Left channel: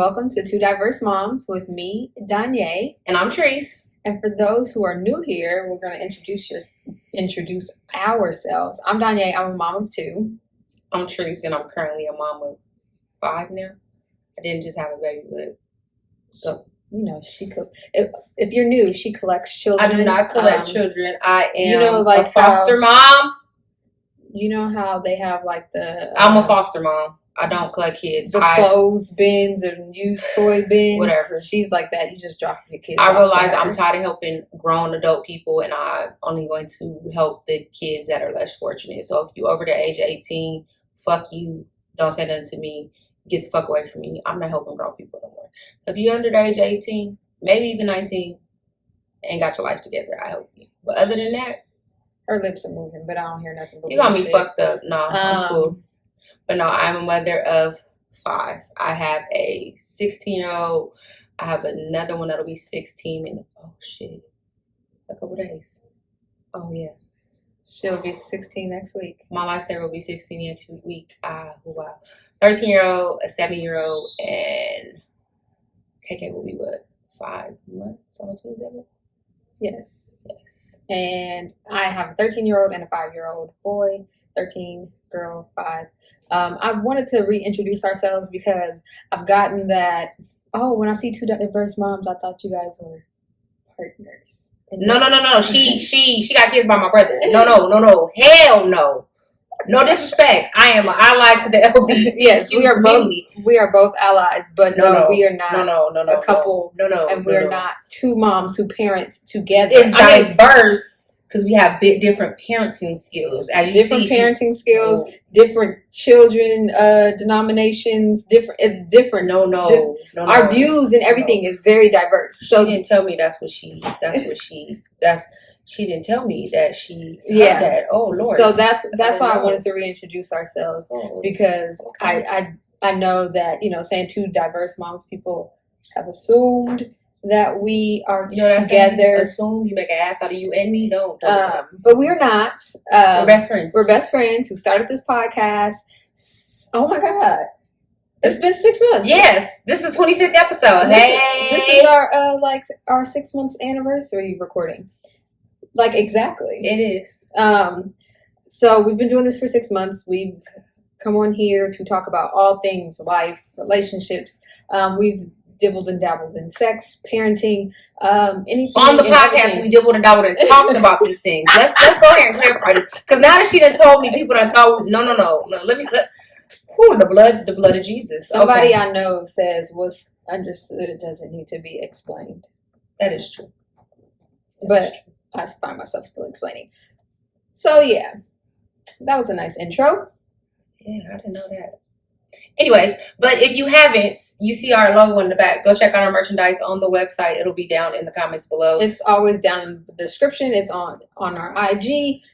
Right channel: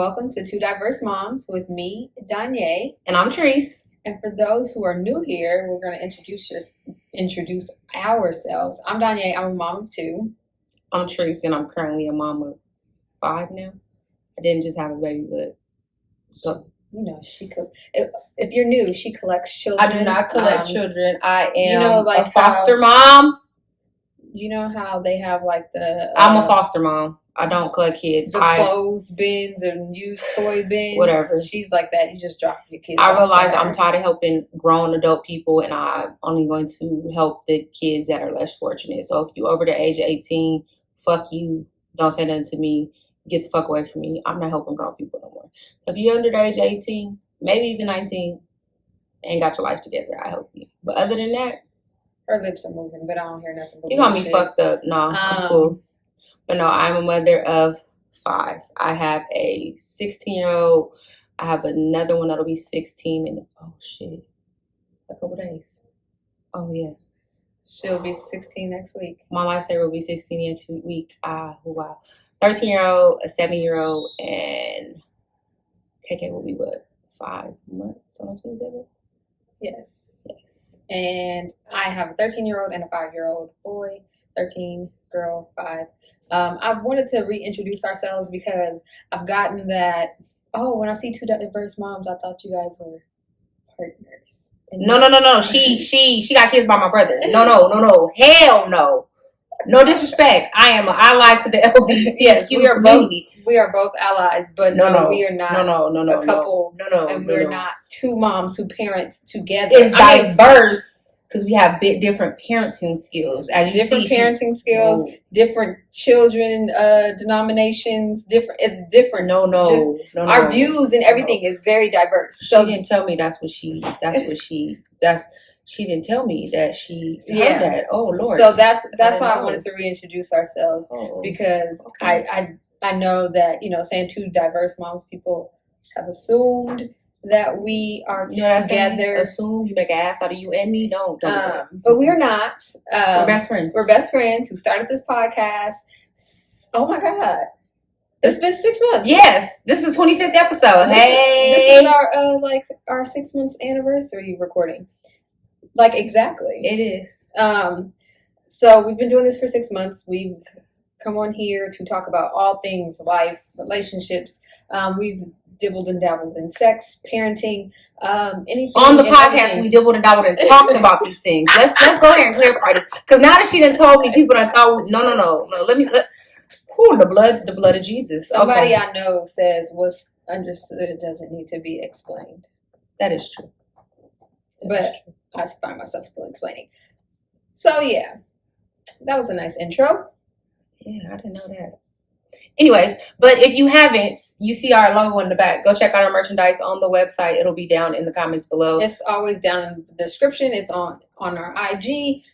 welcome to Two Diverse Moms with me, Danye. And I'm Treese. And for those who are new here, we're going to introduce ourselves. I'm Danye. I'm a mom of 2. I'm Treese, and I'm currently a mom of 5 now. I didn't just have a baby, but so. You know, she could. If you're new, she collects children. I do not collect children. I am a foster mom. You know how they have like the... I'm a foster mom. I don't collect kids. The clothes bins and used toy bins. Whatever. She's like that. You just drop your kids I realize I'm tired of helping grown adult people, and I'm only going to help the kids that are less fortunate. So if you're over the age of 18, fuck you. Don't say nothing to me. Get the fuck away from me. I'm not helping grown people no more. So if you're under the age of 18, maybe even 19, ain't got your life together, I help you. But other than that, her lips are moving, but I don't hear nothing. You got me fucked up. No, I'm cool. But no, I'm a mother of 5. I have a 16-year-old. I have another one that'll be 16 in a couple days. Oh yeah. She'll be 16 next week. My lifesaver will be 16 next week. Wow. 13-year-old, a 7-year-old, and KK will be what? 5 months on the 27th? Yes. And I have a 13-year-old and a 5-year-old boy. 13, girl, 5. I wanted to reintroduce ourselves because I've gotten that, when I see Two Diverse Moms, I thought you guys were partners. No. She got kids by my brother. No. Hell no. No disrespect. I am an ally to the LGBT. Yes, we are both allies, but no, we are not a couple. And we're not 2 moms who parent together. It's diverse because we have different parenting skills. Parenting skills, different children, denominations, different. It's different. No. Our views and everything is very diverse. So she didn't tell me She didn't tell me that she had that. Oh Lord! So that's why I wanted to reintroduce ourselves because I know that saying 2 diverse moms, people have assumed that we are together. Assume you make an ass out of you and me. Don't. But we're not. We're best friends. We're best friends who started this podcast. Oh my God! It's been 6 months. Yes, this is the 25th episode. This is our 6 months anniversary recording. Like, exactly. It is. So we've been doing this for 6 months. We've come on here to talk about all things life, relationships. We've dibbled and dabbled in sex, parenting, anything. On the podcast, we dibbled and dabbled and talked about these things. Let's go ahead and clarify this. Because now that she done told me, people done thought, no. The blood of Jesus. Somebody I know says what's understood doesn't need to be explained. That is true. I find myself still explaining. So, yeah. That was a nice intro. Yeah, I didn't know that. Anyways, but if you haven't, you see our logo in the back. Go check out our merchandise on the website. It'll be down in the comments below. It's always down in the description. It's on our IG.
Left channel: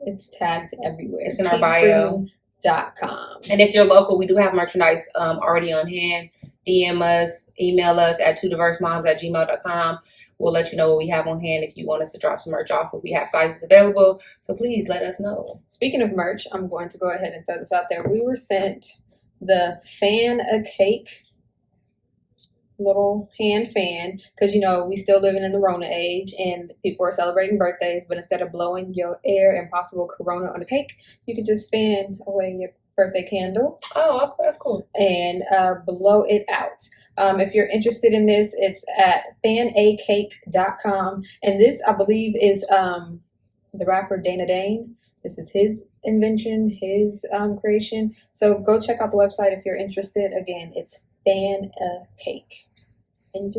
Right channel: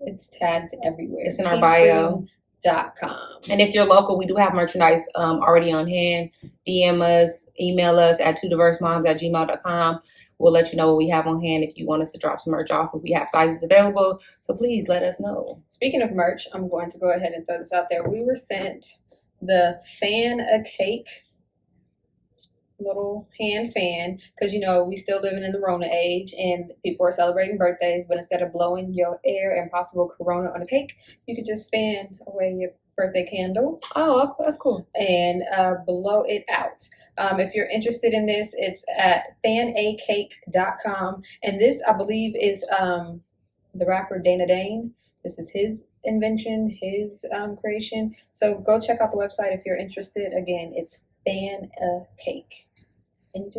It's tagged everywhere. It's in our bio. .com. And if you're local, we do have merchandise already on hand. DM us, email us at twodiversemoms@gmail.com. We'll let you know what we have on hand if you want us to drop some merch off, if we have sizes available. So please let us know. Speaking of merch, I'm going to go ahead and throw this out there. We were sent the fan a cake, little hand fan, because we still living in the Rona age and people are celebrating birthdays, but instead of blowing your air and possible corona on the cake, you could just fan away your birthday candle. Oh, that's cool. And blow it out. If you're interested in this, it's at fanacake.com. And this, I believe, is the rapper Dana Dane. This is his invention, his creation. So go check out the website if you're interested. Again, it's Fan a Cake. And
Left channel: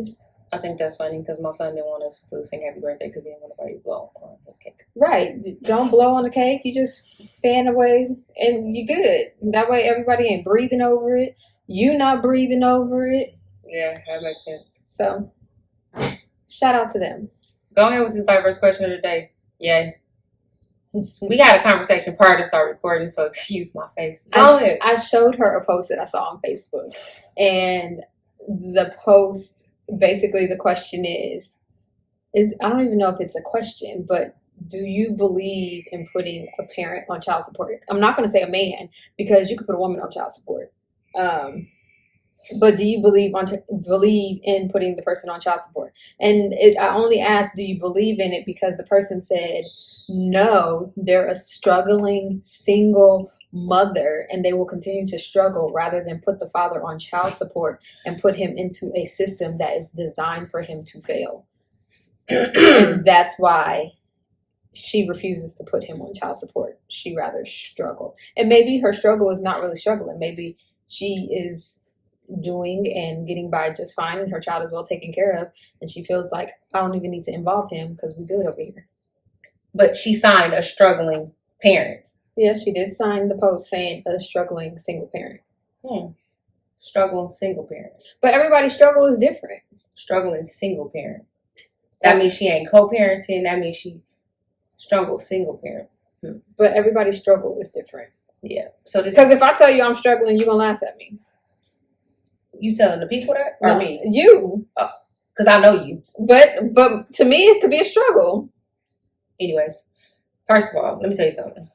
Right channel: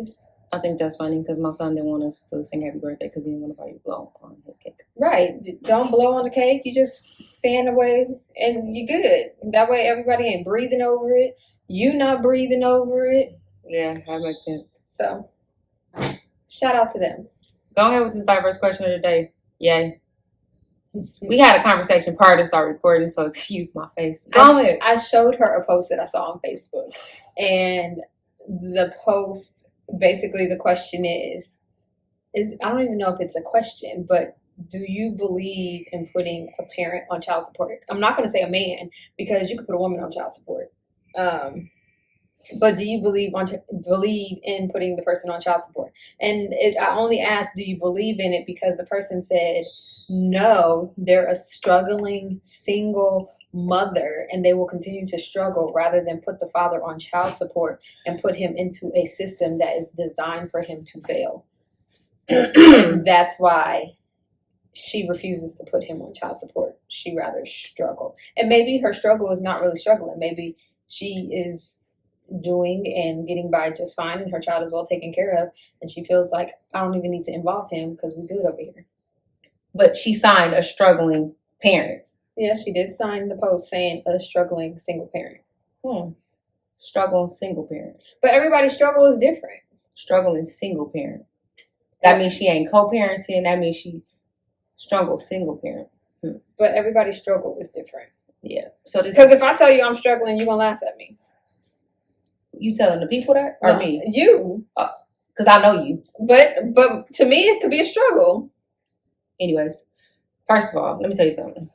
I think that's funny because my son didn't want us to sing happy birthday because he didn't want anybody to blow on his cake. Right. Don't blow on the cake. You just fan away and you're good. That way everybody ain't breathing over it. You not breathing over it. Yeah, that makes sense. So, shout out to them. Go ahead with this diverse question of the day. Yay. We had a conversation prior to start recording, so excuse my face. Go ahead. I showed her a post that I saw on Facebook. And the post, basically the question is I don't even know if it's a question, but do you believe in putting a parent on child support? I'm not going to say a man because you could put a woman on child support. But do you believe in putting the person on child support? And I only asked, do you believe in it, because the person said no, they're a struggling single mother and they will continue to struggle rather than put the father on child support and put him into a system that is designed for him to fail. And that's why she refuses to put him on child support. She rather struggle. And maybe her struggle is not really struggling. Maybe she is doing and getting by just fine and her child is well taken care of, and she feels like, I don't even need to involve him because we're good over here. But she signed a struggling parent. Yeah, she did sign the post saying a struggling single parent. Struggling single parent. But everybody's struggle is different. Struggling single parent. That means she ain't co-parenting. That means she struggled single parent. But everybody's struggle is different. Yeah. So because if I tell you I'm struggling, you're gonna laugh at me. You telling the people that, or no, me? You. Because I know you. But to me, it could be a struggle. Anyways, first of all, let me tell you something.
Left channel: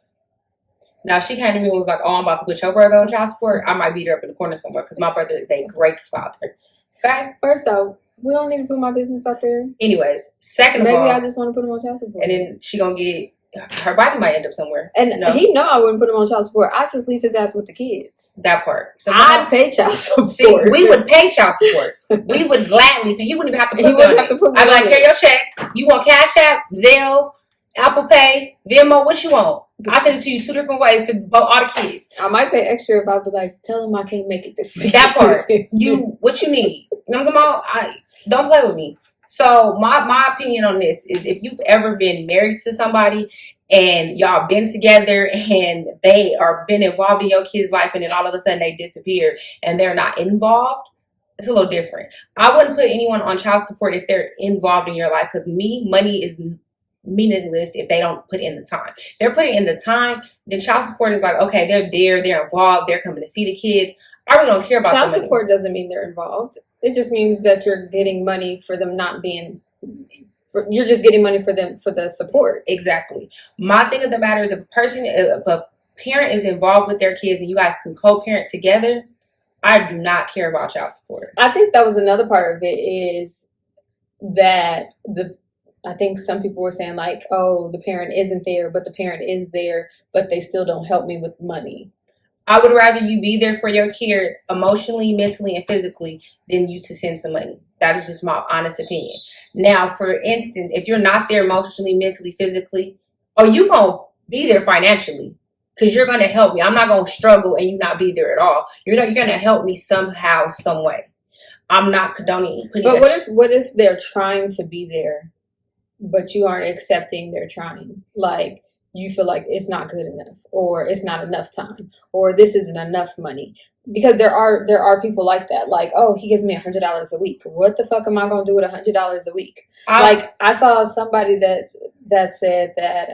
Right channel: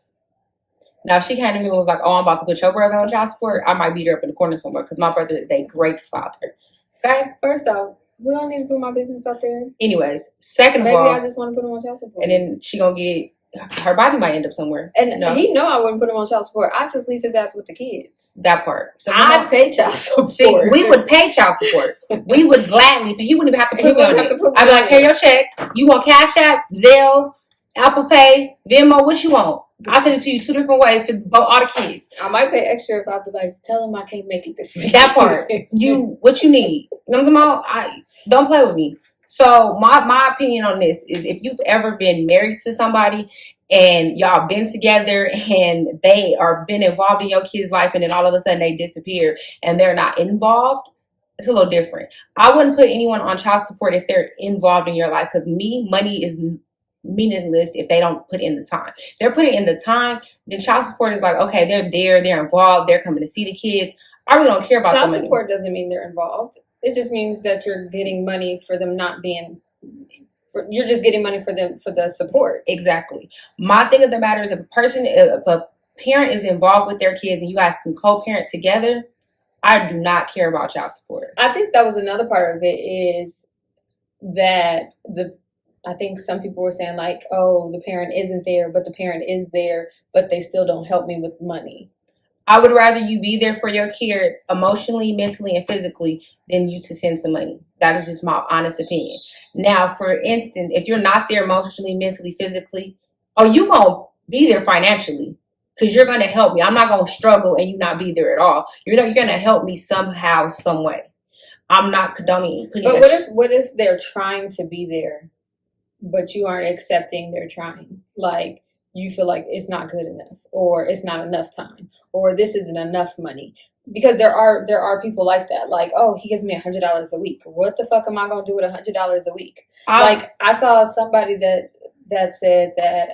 Now, if she came to me and was like, oh, I'm about to put your brother on child support, I might beat her up in the corner somewhere because my brother is a great father. Okay? First off, we don't need to put my business out there. Anyways, second of all, maybe I just want to put him on child support. And then she gonna get, her body might end up somewhere. And he know I wouldn't put him on child support. I just leave his ass with the kids. That part. So I'd pay child support. See, we would pay child support. We would gladly pay. He wouldn't even have to put He wouldn't have to put me I'd be like, here your check. You want Cash App, Zelle, Apple Pay, Venmo, what you want? I'll send it to you 2 different ways for all the kids. I might pay extra if I'd be like, tell him I can't make it this week. That part. What you need. You know what I'm talking about? Don't play with me. So my opinion on this is, if you've ever been married to somebody and y'all been together and they are been involved in your kid's life and then all of a sudden they disappear and they're not involved, it's a little different. I wouldn't put anyone on child support if they're involved in your life, because money is meaningless if they don't put in the time. If they're putting in the time, then child support is like, okay, they're there, they're involved, they're coming to see the kids. I really don't care about child support. Doesn't mean they're involved. It just means that you're getting money for them not being. You're just getting money for them for the support. Exactly. My thing of the matter is, if a parent is involved with their kids and you guys can co-parent together, I do not care about child support. I think that was another part of it, is that I think some people were saying like, oh, the parent isn't there, but the parent is there, but they still don't help me with money. I would rather you be there for your kid emotionally, mentally, and physically than you to send some money. That is just my honest opinion. Now, for instance, if you're not there emotionally, mentally, physically, you going to be there financially because you're going to help me. I'm not going to struggle and you not be there at all. You're going to help me somehow, some way. I'm not condoning putting. But what if they're trying to be there, but you aren't accepting they're trying? Like, you feel like it's not good enough, or it's not enough time, or this isn't enough money. Because there are people like that. Like, oh, he gives me $100 a week. What the fuck am I gonna do with $100 a week? Like, I saw somebody that said that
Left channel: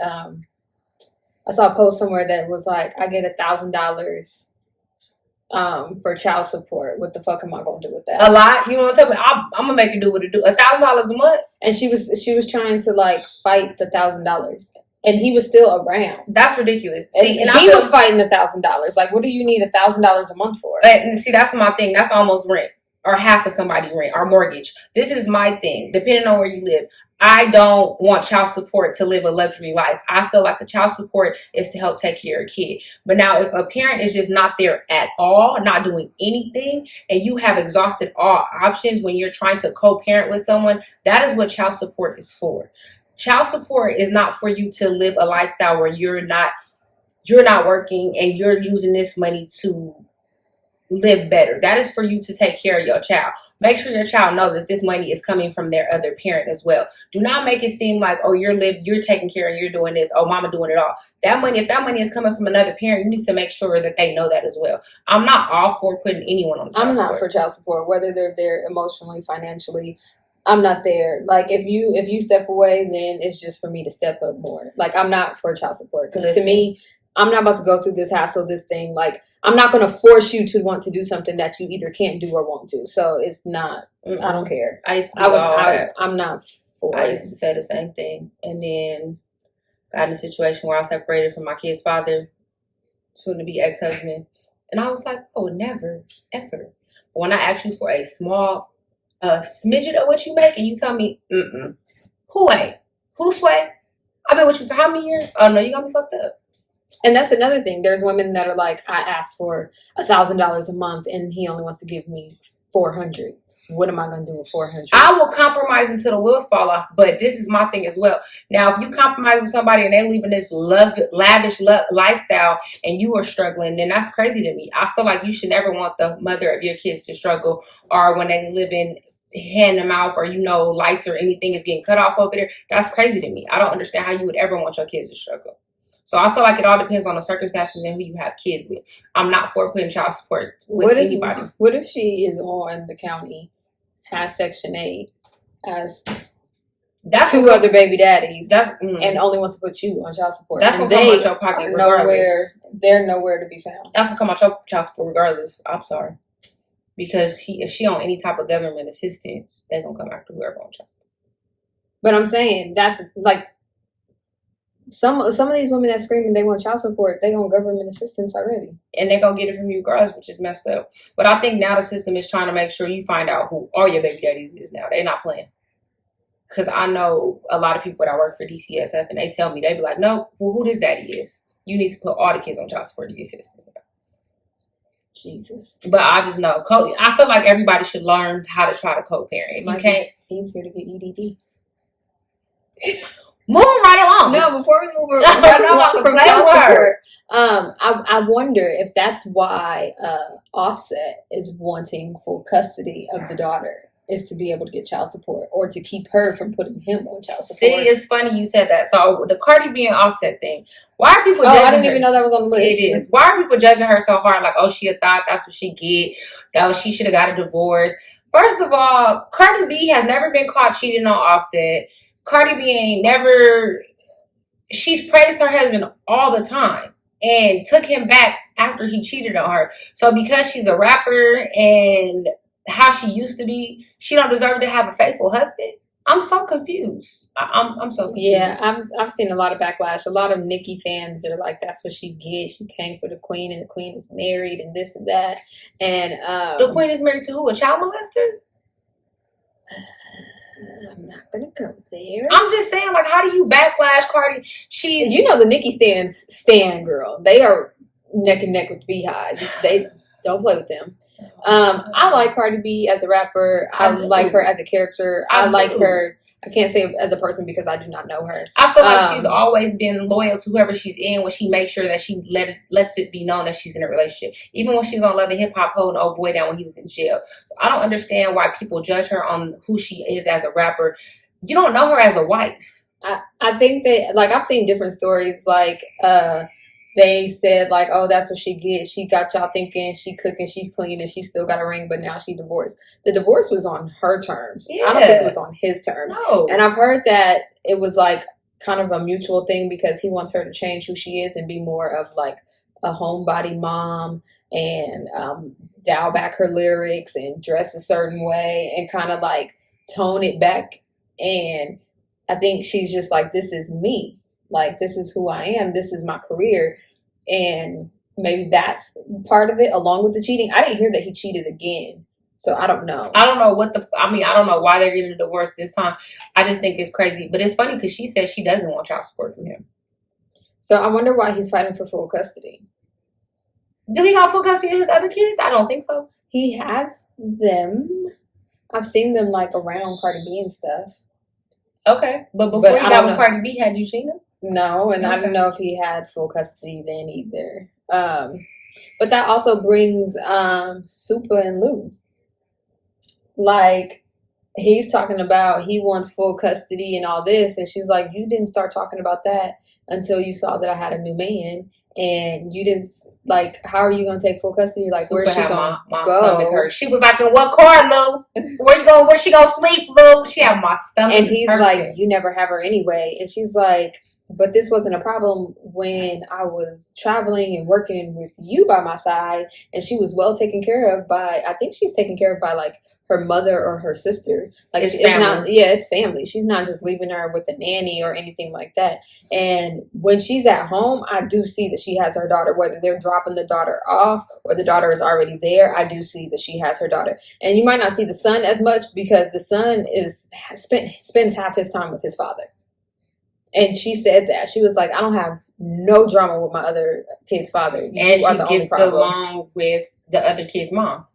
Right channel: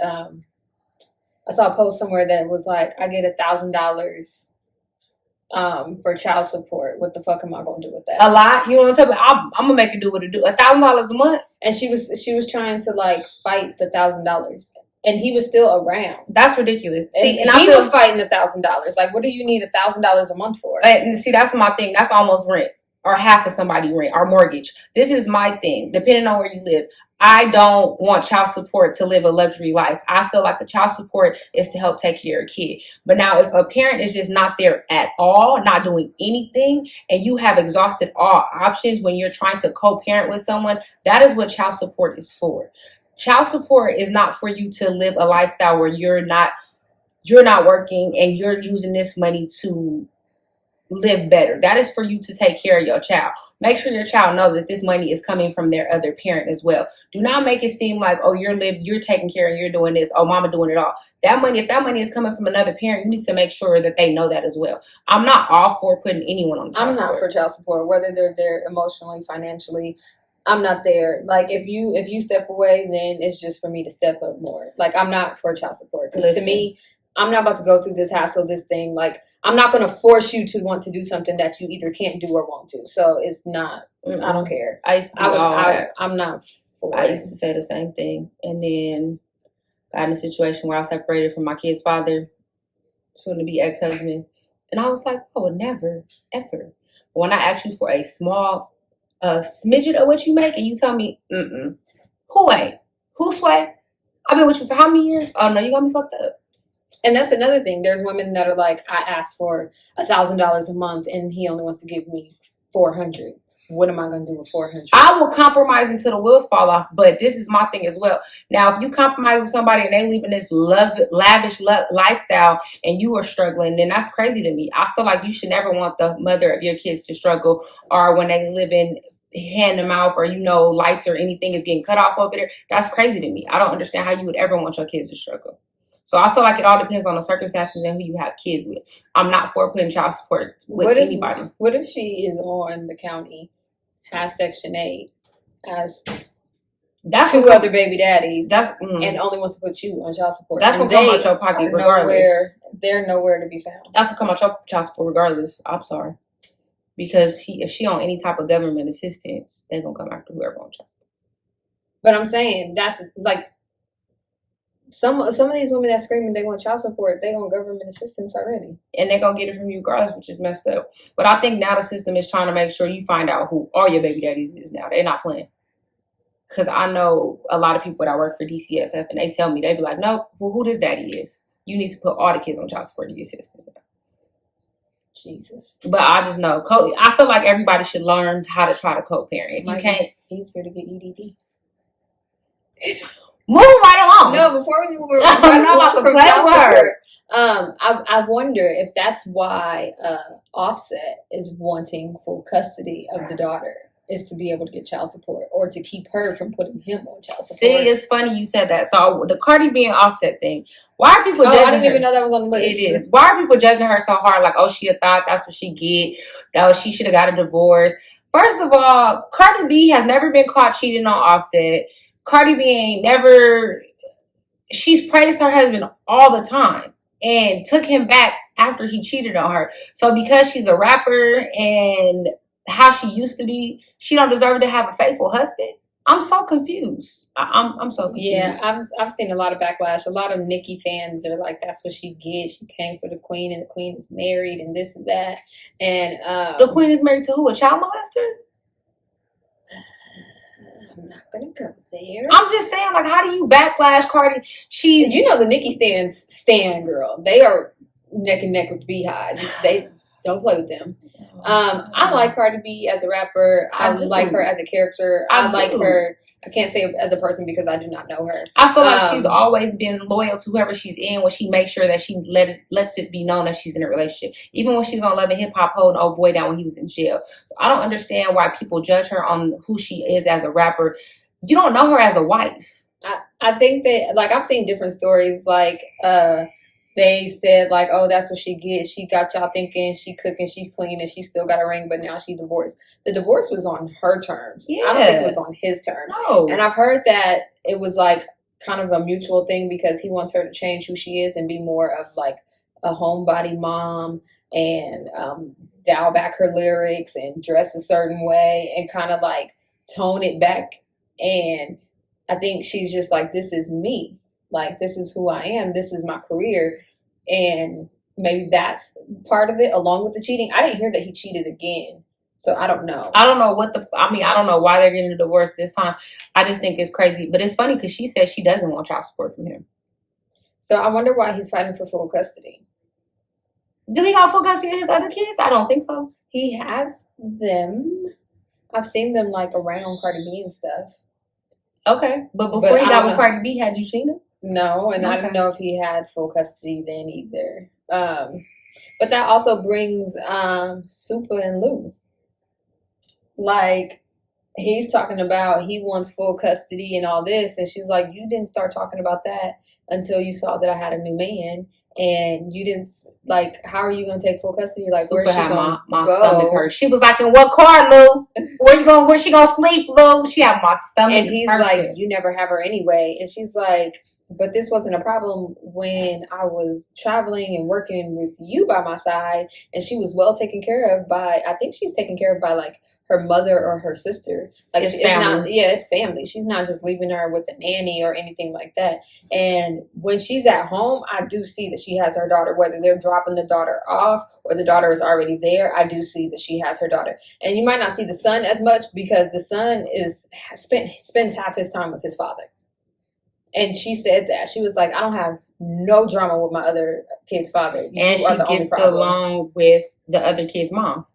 I saw a post somewhere that was like, I get $1,000 for child support. What the fuck am I gonna do with that? A lot. You know what I'm talking about? I'm gonna make it do what it do. $1,000 a month. And she was trying to like fight the $1,000. And he was still around. That's ridiculous. See, and he was fighting $1,000. Like, what do you need $1,000 a month for? And see, that's my thing. That's almost rent, or half of somebody's rent, or mortgage. This is my thing. Depending on where you live, I don't want child support to live a luxury life. I feel like the child support is to help take care of a kid. But now, if a parent is just not there at all, not doing anything, and you have exhausted all options when you're trying to co-parent with someone, that is what child support is for. Child support is not for you to live a lifestyle where you're not working and you're using this money to live better. That is for you to take care of your child. Make sure your child knows that this money is coming from their other parent as well. Do not make it seem like, oh, you're taking care and you're doing this. Oh, mama doing it all. If that money is coming from another parent, you need to make sure that they know that as well. I'm not all for putting anyone on child support. I'm not for child support, whether they're there emotionally, financially. I'm not there. Like, if you step away, then it's just for me to step up more. Like, I'm not for child support, because to me, I'm not about to go through this hassle, this thing. Like, I'm not going to force you to want to do something that you either can't do or won't do. So it's not. I don't care. I'm not for it. I used to say the same thing, and then got in a situation where I separated from my kid's father, soon to be ex-husband, and I was like, oh, never, ever. When I ask you for a small smidget of what you make, and you tell me, who ain't? Who sway? I've been with you for how many years? Oh no, you got me fucked up. And that's another thing. There's women that are like, I asked for $1,000 a month, and he only wants to give me $400. What am I going to do with $400? I will compromise until the wheels fall off, but this is my thing as well. Now, if you compromise with somebody and they living this lavish lifestyle and you are struggling, then that's crazy to me. I feel like you should never want the mother of your kids to struggle, or when they live in hand to mouth, or lights or anything is getting cut off over there. That's crazy to me. I don't understand how you would ever want your kids to struggle. So I feel like it all depends on the circumstances and who you have kids with. I'm not for putting child support with anybody. What if she is on the county, has Section 8, has two other baby daddies, and only wants to put you on child support? That's going to come out your pocket regardless. They're nowhere to be found. That's going to come out your child support regardless. I'm sorry. Because if she on any type of government assistance, they're going to come after whoever on child support. But I'm saying, that's like, some of these women that screaming they want child support, they on government assistance already, and they gonna get it from you girls, which is messed up. But I think now the system is trying to make sure you find out who all your baby daddies is. Now they're not playing, because I know a lot of people that work for DCSF, and they tell me, they be like, no, well, who this daddy is, you need to put all the kids on child support to get assistance. Jesus. But I just know I feel like everybody should learn how to try to co-parent. If you can't, easier to get EDD. Moving right along. No, before we move right along from child support, I wonder if that's why Offset is wanting full custody of the daughter, is to be able to get child support, or to keep her from putting him on child support. See, it's funny you said that. So the Cardi B and Offset thing. Why are people judging I didn't even know that was on the list. It is. Why are people judging her so hard? Like, oh, she a thought, that's what she get. She should have got a divorce. First of all, Cardi B has never been caught cheating on Offset. Cardi B ain't never... She's praised her husband all the time and took him back after he cheated on her. So because she's a rapper and how she used to be, she don't deserve to have a faithful husband? I'm so confused. I'm so confused. Yeah, I've seen a lot of backlash. A lot of Nicki fans are like, that's what she gets. She came for the queen, and the queen is married, and this and that. And the queen is married to who? A child molester? I'm not gonna go there. I'm just saying, like, how do you backlash Cardi? She's, the Nicki stan girl. They are neck and neck with Beehive. They don't play with them. I like Cardi B as a rapper. I like her as a character. I like her. I can't say as a person because I do not know her. I feel like she's always been loyal to whoever she's in, when she makes sure that she lets it be known that she's in a relationship. Even when she's on Love and Hip Hop holding old boy down when he was in jail. So I don't understand why people judge her on who she is as a rapper. You don't know her as a wife. I think that, like, I've seen different stories, like, they said, like, oh, that's what she gets. She got y'all thinking she cooking, she clean, and she still got a ring, but now she divorced. The divorce was on her terms. Yeah. I don't think it was on his terms. No. And I've heard that it was, like, kind of a mutual thing, because he wants her to change who she is and be more of, like, a homebody mom, and dial back her lyrics and dress a certain way and kind of, like, tone it back. And I think she's just like, this is me. Like, this is who I am. This is my career. And maybe that's part of it, along with the cheating. I didn't hear that he cheated again. So I don't know. I don't know I don't know why they're getting a divorce this time. I just think it's crazy. But it's funny because she says she doesn't want child support from him. So I wonder why he's fighting for full custody. Do he have full custody of his other kids? I don't think so. He has them. I've seen them, like, around Cardi B and stuff. Okay. But before he got with Cardi B, had you seen him? No, and I didn't know if he had full custody then either. But that also brings Supa and Lou. Like, he's talking about he wants full custody and all this, and she's like, you didn't start talking about that until you saw that I had a new man, and you didn't, like, how are you going to take full custody? Like, where's she going to go? Stomach hurt. She was like, in what car, Lou? Where she going to sleep, Lou? She had my stomach. And he's like, you never have her anyway. And she's like, but this wasn't a problem when I was traveling and working with you by my side, and she was well taken care of by, I think she's taken care of by, like, her mother or her sister. Like It's it's not, family. yeah, it's family. She's not just leaving her with a nanny or anything like that. And when she's at home, I do see that she has her daughter, whether they're dropping the daughter off or the daughter is already there. I do see that she has her daughter. And you might not see the son as much because the son spends half his time with his father. And she said that. She was like, I don't have no drama with my other kid's father. You And are she the only gets problem. along with the other kid's mom.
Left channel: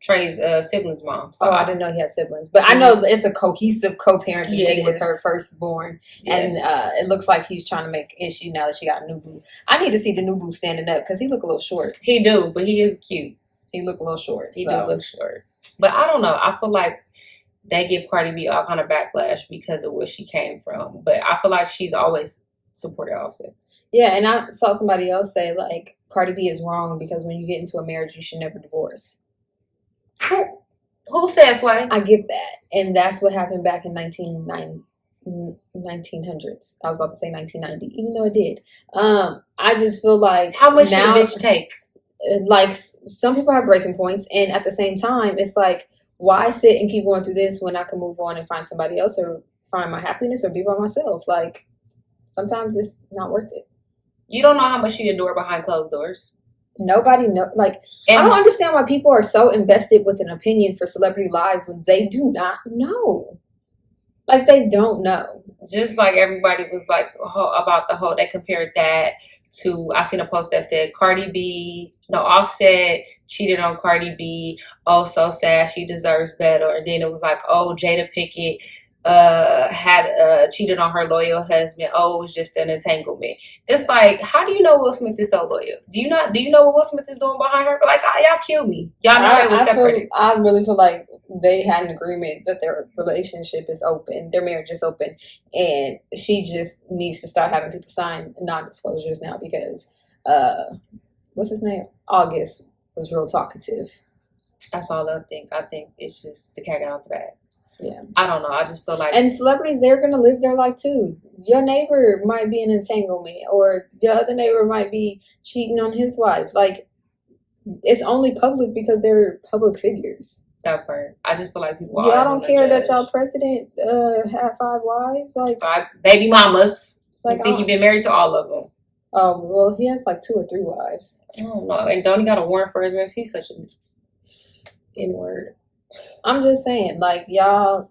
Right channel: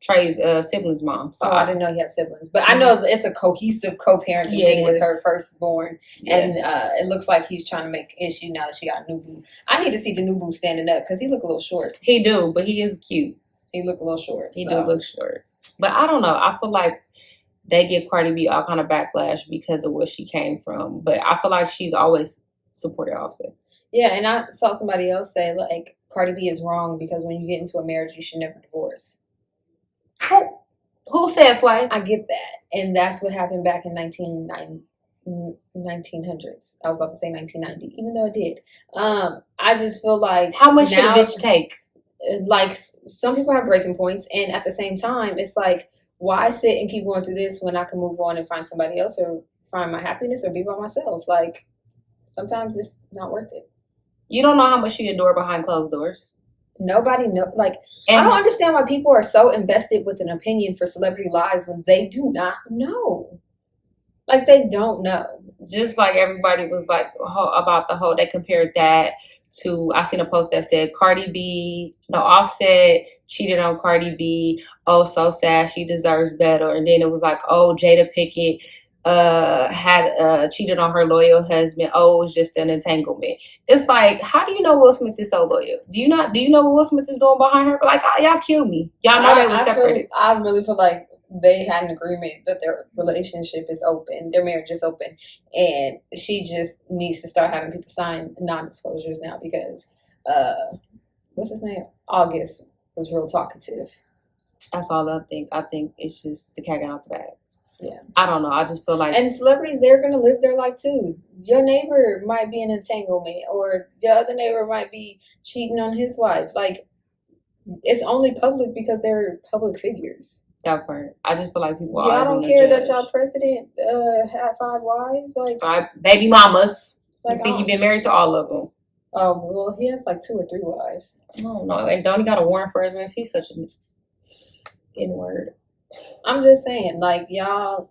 Trey's sibling's mom. So I didn't know he had siblings. But I know that it's a cohesive co-parenting Yeah, thing it with is. her firstborn. Yeah. And it looks like he's trying to make issue now that she got a new boo. I need to see the new boo standing up because he look a little short. He do, but he is cute. He look a little short. He do look short. But I don't know. I feel like they give Cardi B all kind of backlash because of where she came from. But I feel like she's always supported Offset. Yeah, and I saw somebody else say, like, Cardi B is wrong because when you get into a marriage, you should never divorce. Who says why? I get that. And that's what happened back in 1900s. I was about to say 1990, even though it did. I just feel like how much now, did it take? Like, some people have breaking points, and at the same time, it's like, why sit and keep going through this when I can move on and find somebody else or find my happiness or be by myself? Like, sometimes it's not worth it. You don't know how much she endured behind closed doors. Nobody know. Like, And I don't understand why people are so invested with an opinion for celebrity lives when they do not know. Like, they don't know. Just like everybody was like about the whole, they compared that to, I seen a post that said Offset cheated on Cardi B. Oh, so sad. She deserves better. And then it was like, oh, Jada Pinkett had cheated on her loyal husband. Oh, it was just an entanglement. It's like, how do you know Will Smith is so loyal? Do you know what Will Smith is doing behind her? But like, y'all kill me. Y'all know they were separated. I really feel like they had an agreement that their relationship is open, their marriage is open, and she just needs to start having people sign non-disclosures now because what's his name? August was real talkative. That's all I think. I think it's just the cat out the bag. Yeah. I don't know. I just feel like, and celebrities, they're gonna live their life too. Your neighbor might be in entanglement, or your other neighbor might be cheating on his wife. Like, it's only public because they're public figures. That part. I just feel like people. Y'all don't care that y'all president had 5 wives, like 5 baby mamas. Like, I think he's been married to all of them. Oh well, he has like 2 or 3 wives. I don't know. And don't he got a warrant for his? He's such an N-word. I'm just saying, like,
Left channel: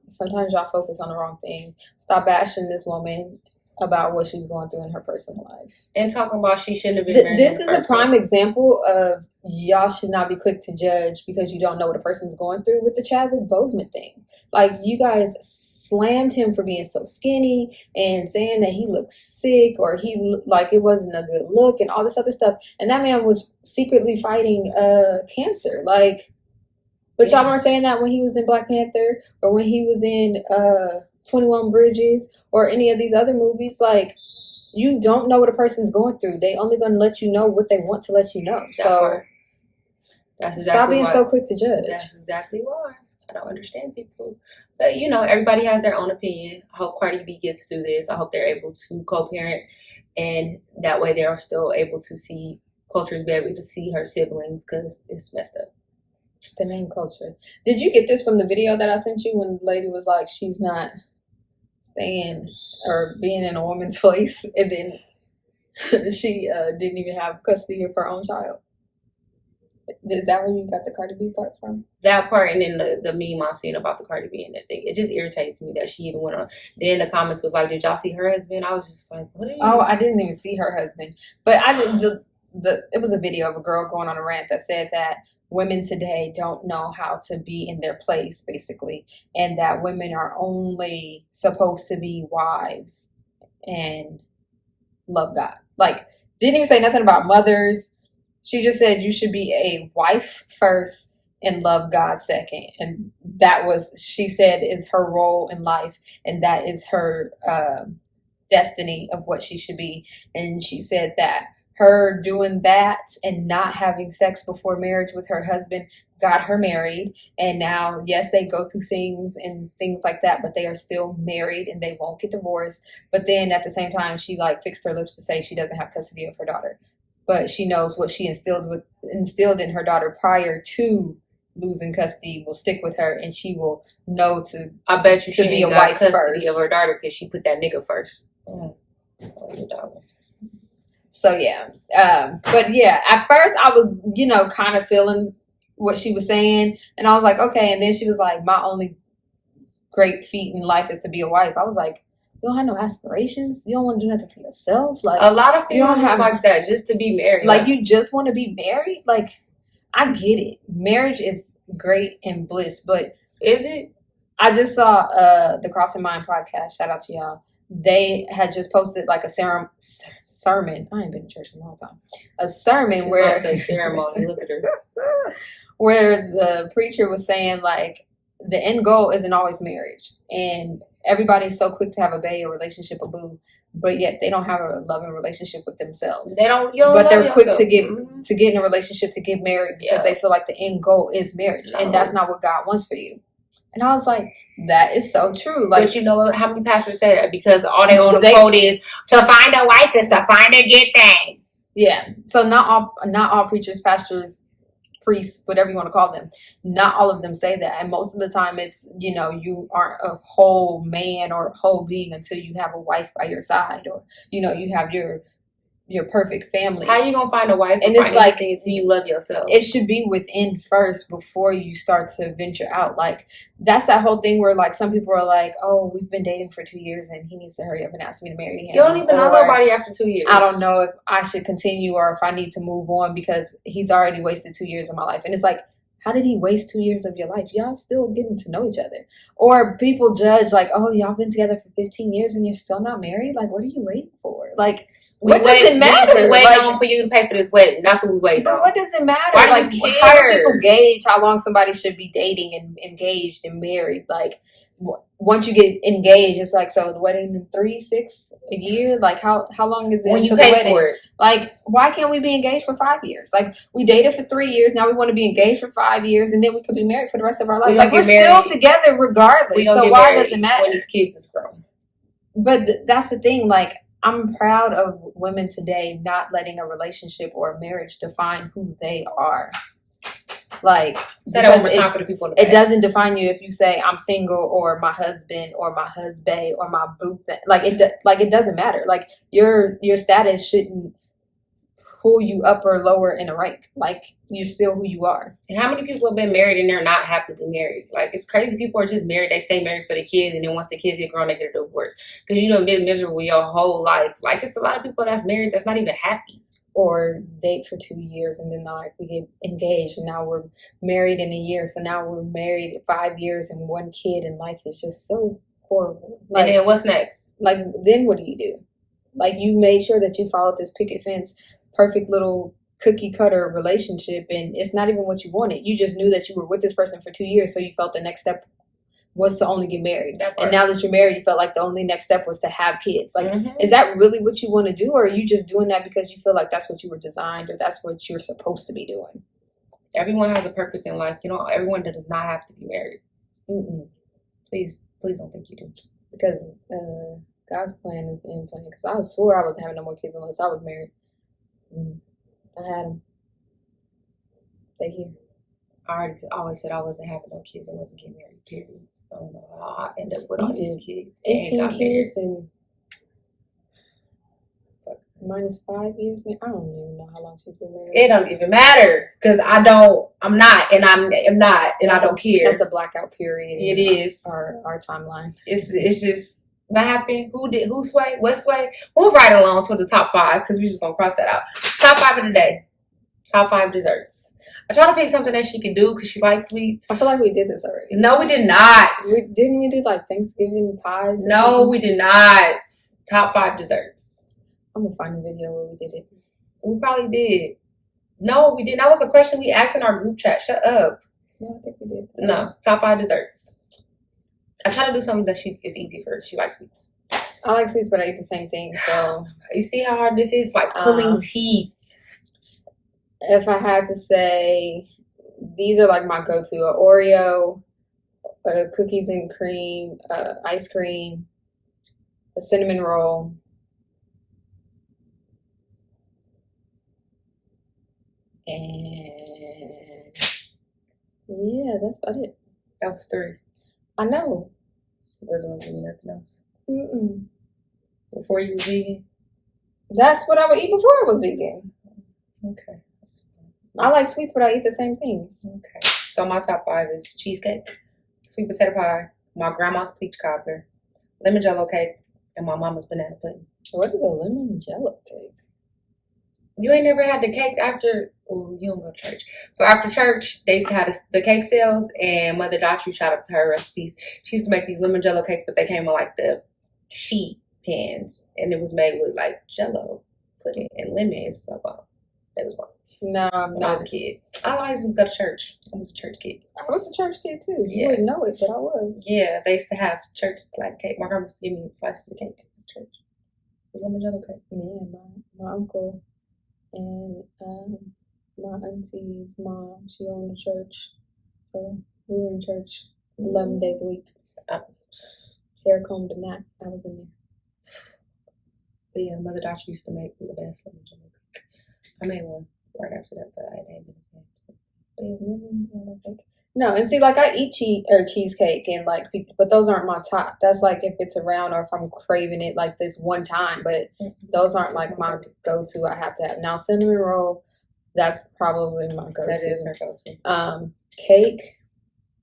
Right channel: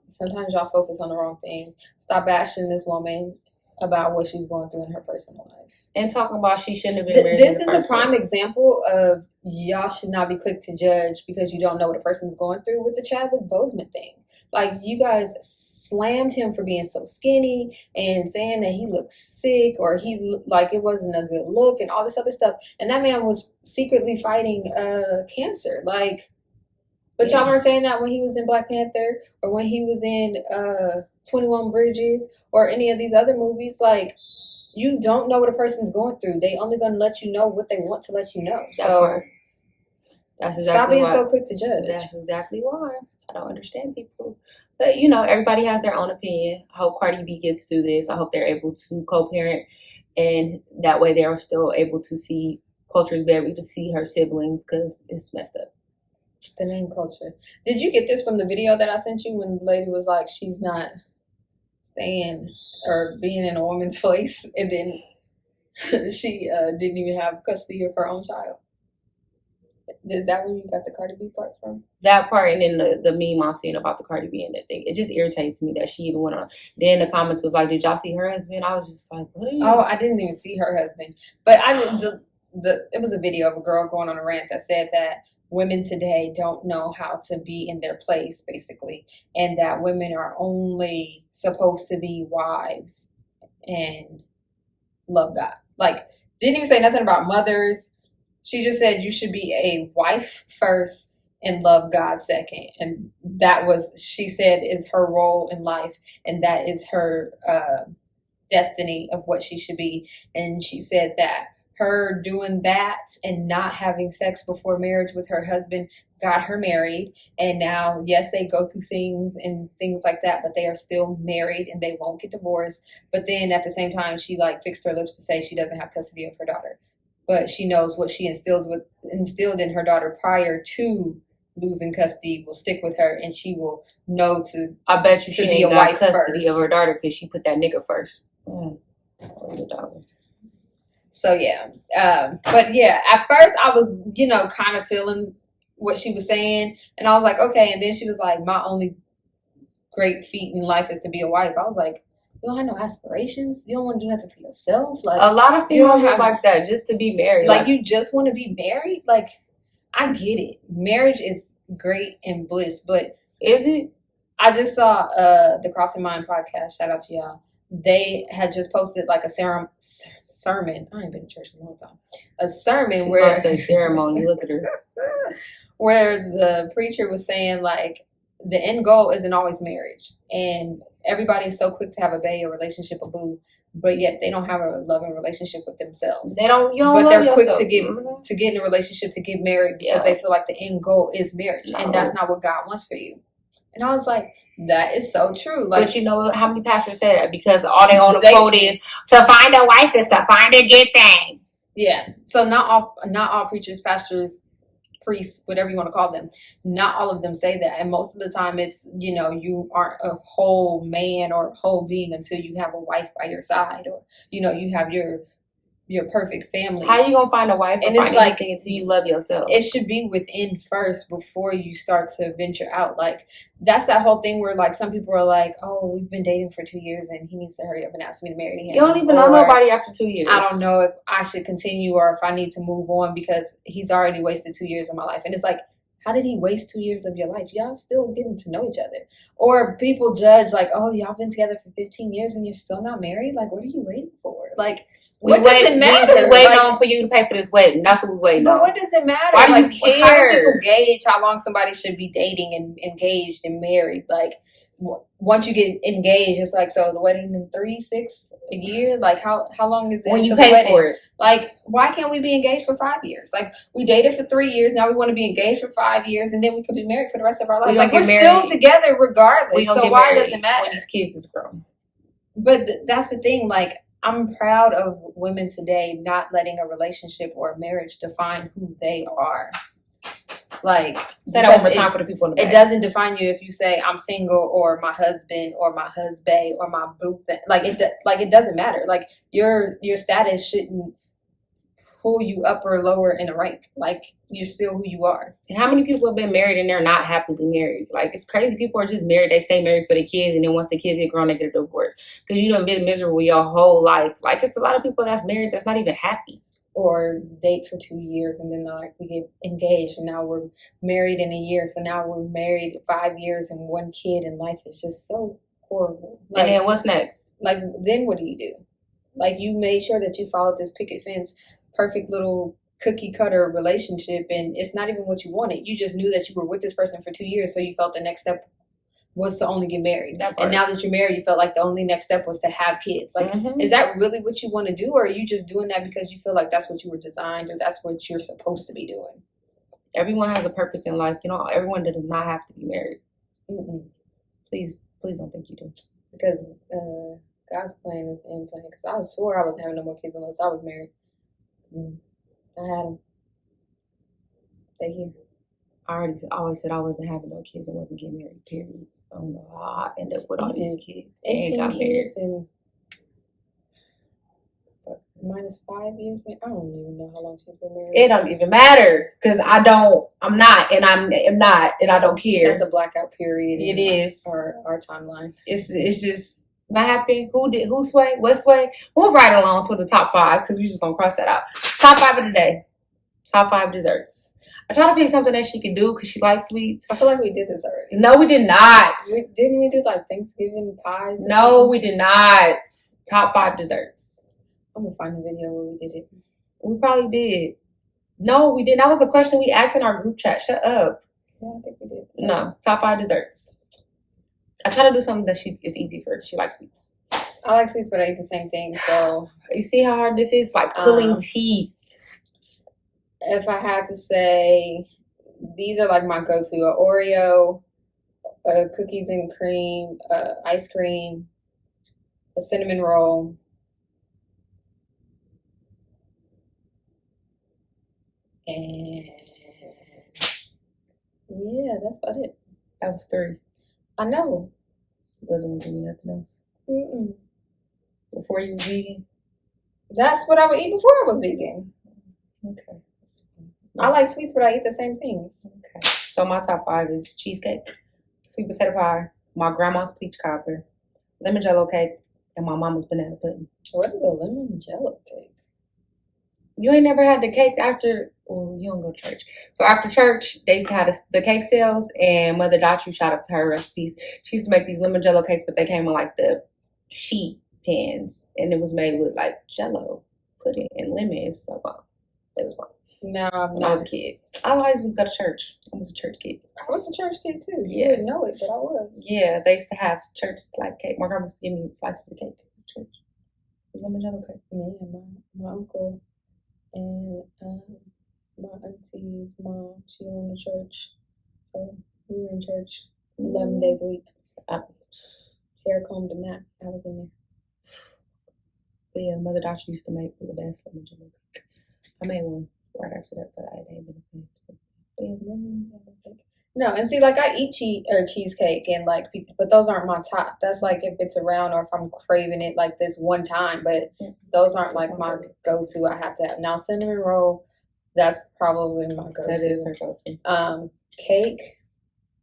sometimes y'all focus on the wrong thing. Stop bashing this woman about what she's going through in her personal life. And talking about she shouldn't have been married. This is a prime example of y'all should not be quick to judge because you don't know what a person's going through with the Chadwick Boseman thing. Like, you guys slammed him for being so skinny and saying that he looked sick or like it wasn't a good look and all this other stuff. And that man was secretly fighting cancer. Like, but y'all weren't saying that when he was in Black Panther or when he was in 21 Bridges or any of these other movies. Like, you don't know what a person's going through. They only going to let you know what they want to let you know. That's exactly stop being why. So quick to judge. That's exactly why. I don't understand people. But, everybody has their own opinion. I hope Cardi B gets through this. I hope they're able to co-parent. And that way they're still able to see, Culture is able to see her siblings because it's messed up. The name Culture. Did you get this from the video that I sent you when the lady was like, she's not staying or being in a woman's place, and then she didn't even have custody of her own child? Is that where you got the Cardi B part from? That part, and then the meme I'm seeing about the Cardi B and that thing. It just irritates me that she even went on. Then the comments was like, did y'all see her husband? I was just like, what are you? Oh, I didn't even see her husband. But it was a video of a girl going on a rant that said that women today don't know how to be in their place, basically, and that women are only supposed to be wives and love God. Like, didn't even say nothing about mothers. She just said you should be a wife first and love God second. And that was, she said, is her role in life, and that is her destiny of what she should be. And she said that her doing that and not having sex before marriage with her husband got her married. And now, yes, they go through things and things like that, but they are still married and they won't get divorced. But then at the same time, she like fixed her lips to say she doesn't have custody of her daughter. But she knows what she instilled in her daughter prior to losing custody will stick with her, and she will know to. I bet you To she be ain't a got wife custody first. of her daughter because she put that nigga first. So yeah, but yeah, at first I was, kind of feeling what she was saying, and I was like, okay. And then she was like, my only great feat in life is to be a wife. I was like, you don't have no aspirations. You don't want to do nothing for yourself. Like, a lot of you don't females is like that, just to be married. like you just want to be married. Like, I get it. Marriage is great and bliss, but is it? I just saw the Crossing Mind podcast. Shout out to y'all. They had just posted like a sermon. I ain't been to church in a long time. A sermon where say ceremony. Look at her. Where the preacher was saying like the end goal isn't always marriage, and everybody's so quick to have a bae, a relationship, a boo, but yet they don't have a loving relationship with themselves. They don't. But they're quick yourself. to get in a relationship, to get married because they feel like the end goal is marriage, and that's not what God wants for you. And I was like, that is so true. Like, but you know how many pastors say that? Because all they on the quote is to find a wife is to find a good thing. Yeah. So not all preachers, pastors, priests, whatever you want to call them, not all of them say that. And most of the time it's, you aren't a whole man or whole being until you have a wife by your side, or, you have your perfect family. How you gonna find a wife and it's like until you love yourself? It should be within first before you start to venture out. Like, that's that whole thing where like some people are like, oh, we've been dating for 2 years and he needs to hurry up and ask me to marry him. You don't even know nobody after 2 years. I don't know if I should continue or if I need to move on because he's already wasted 2 years of my life. And it's like, how did he waste 2 years of your life? Y'all still getting to know each other. Or people judge like, oh, y'all been together for 15 years and you're still not married? Like, what are you waiting for? Like, what does it matter? We waiting on for you to pay for this wedding. That's what we waiting on. But what does it matter? Why do you care? How do people gauge how long somebody should be dating and engaged and married? Like, once you get engaged, it's like, so the wedding in 3, 6, a year? Like, how long is it when until you pay the wedding? for it? Like, why can't we be engaged for 5 years? Like, we dated for 3 years. Now we want to be engaged for 5 years, and then we could be married for the rest of our lives. Like, we're still together regardless. So why does it matter? When these kids is grown. But that's the thing. Like, I'm proud of women today not letting a relationship or a marriage define who they are. Like, say that one more time for the people in the back. It doesn't define you if you say I'm single or my husband or my husband or my boo. Like, it doesn't matter. Like, your status shouldn't pull you up or lower in a rank. Like, you're still who you are. And how many people have been married and they're not happily married? Like, it's crazy. People are just married. They stay married for the kids, and then once the kids get grown, they get a divorce because you done been miserable your whole life. Like, it's a lot of people that's married that's not even happy. Or date for 2 years and then like we get engaged and now we're married in a year. So now we're married 5 years and 1 kid, and life is just so horrible. Like, and then what's next? Like, then what do you do? Like, you made sure that you followed this picket fence, perfect little cookie cutter relationship, and it's not even what you wanted. You just knew that you were with this person for 2 years, so you felt the next step was to only get married. And now that you're married, you felt like the only next step was to have kids. Like, is that really what you want to do? Or are you just doing that because you feel like that's what you were designed or that's what you're supposed to be doing? Everyone has a purpose in life. Everyone does not have to be married. Please don't think you do. Because God's plan is the end plan. Because I swore I wasn't having no more kids unless I was married. I had them. They here. I always said I wasn't having no kids and wasn't getting married, period. I don't know how I ended up with all these kids. 18 kids and minus 5 years. I don't even know how long she's been married. It don't even matter because I'm not, and I'm not, and I don't care. That's a blackout period. It is our timeline. It's just what happened. Who sway? What sway? We'll ride along to the top 5 because we're just gonna cross that out. Top 5 of the day. Top 5 desserts. I tried to pick something that she could do because she likes sweets. I feel like we did this already. No, we did not. Didn't we do like Thanksgiving pies? No, we did not. Top 5 desserts. I'm gonna find the video where we did it. We probably did. No, we didn't. That was a question we asked in our group chat. Shut up. No, I think we did. No, top 5 desserts. I try to do something that is easy for her. She likes sweets. I like sweets, but I eat the same thing. So you see how hard this is? It's like pulling teeth. If I had to say, these are like my go-to: a Oreo, cookies and cream, ice cream, a cinnamon roll, and Yeah, that's about it. That was 3. I know. Wasn't gonna give me nothing else. Mm-mm. Before you was vegan? That's what I would eat before I was vegan. Okay. I like sweets, but I eat the same things. Okay. So my top 5 is cheesecake, sweet potato pie, my grandma's peach cobbler, lemon jello cake, and my mama's banana pudding. What is a lemon jello cake? You ain't never had the cakes after? Oh, you don't go to church. So after church, they used to have the cake sales, and Mother Daughtry shout out to her recipes. She used to make these lemon jello cakes, but they came in like the sheet pans, and it was made with like jello pudding and lemon. So it was fun. No, I'm When I was not. a kid, I always would go to church. I was a church kid. I was a church kid too. You Yeah. wouldn't know it, but I was. Yeah, they used to have church like cake. My grandma used to give me slices of cake at church. It was lemon jello cake. Yeah, my uncle and my auntie's mom, she owned a church. So we were in church 11 days a week. Hair combed and that. I was in there. But yeah, Mother Daughtry used to make the best lemon jello cake. I made one right after that, but it ain't been the same since. But yeah, lemon jello cake. No, and see, like I eat cheesecake and like, but those aren't my top. That's like if it's around or if I'm craving it like this one time. But those aren't like my go-to. I have to have now cinnamon roll. That's probably my go-to. That is her go-to. Cake.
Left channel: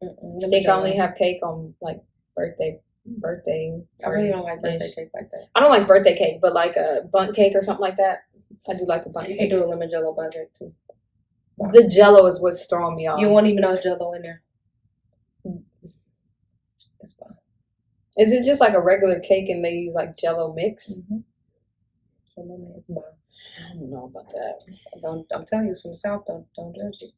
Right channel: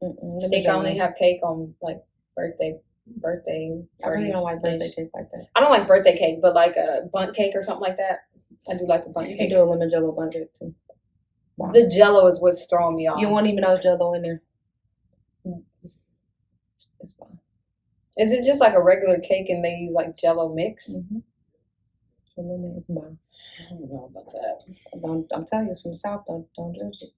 I think I only have cake on like birthday. I really don't like birthday cake like that. I don't like birthday cake, but like a bundt cake or something like that. I do like a bundt cake. You can do a lemon jello bundt cake too. Wow. The jello is what's throwing me off. You won't even know it's jello in there. It's fine. Is it just like a regular cake and they use like jello mix? Mm-hmm. So lemon is mine. I don't know about that. I'm telling you, it's from the South. Don't judge it.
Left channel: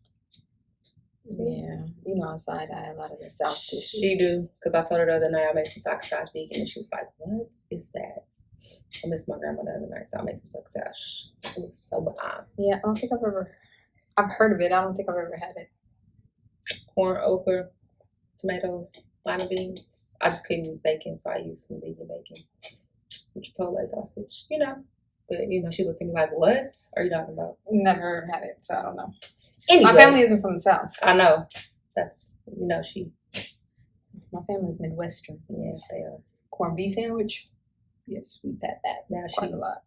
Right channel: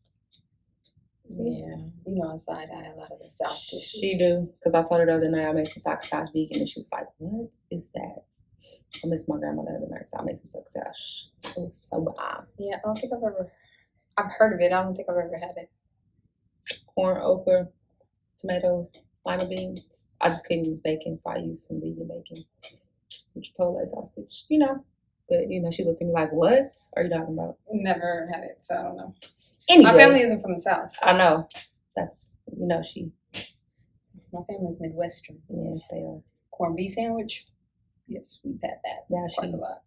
Yeah, you know, outside I had a lot of the South dishes. She do, because I told her the other night I made some succotash vegan, and she was like, "What is that?" I missed my grandma the other night, so I made some succotash. It was so bomb. Yeah, I don't think I've heard of it. I don't think I've ever had it. Corn, okra, tomatoes, lima beans. I just couldn't use bacon, so I used some vegan bacon. Some Chipotle sausage, you know. But, you know, she looked at me like, "What are you talking about?" Never had it, so I don't know. Anyways, my family isn't from the South. I know. That's, you know, my family's Midwestern. Yeah, they are. Corned beef sandwich. Yes, we've had that. Now quite a lot.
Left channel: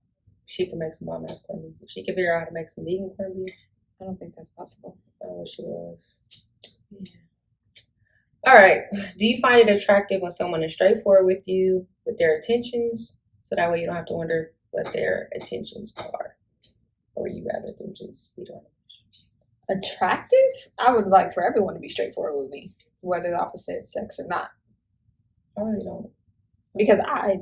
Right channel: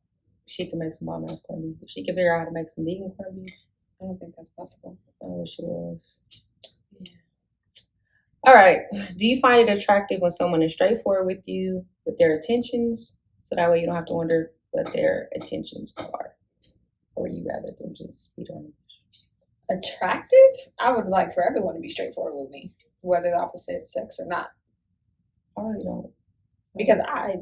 She can make some bomb ass corned beef. If she can figure out how to make some vegan corned beef. I don't think that's possible. I wish she was. Yeah. All right. Do you find it attractive when someone is straightforward with you with their intentions, so that way you don't have to wonder what their intentions are, or would you rather them just be done? Attractive? I would like for everyone to be straightforward with me, whether the opposite sex or not. I really don't, because I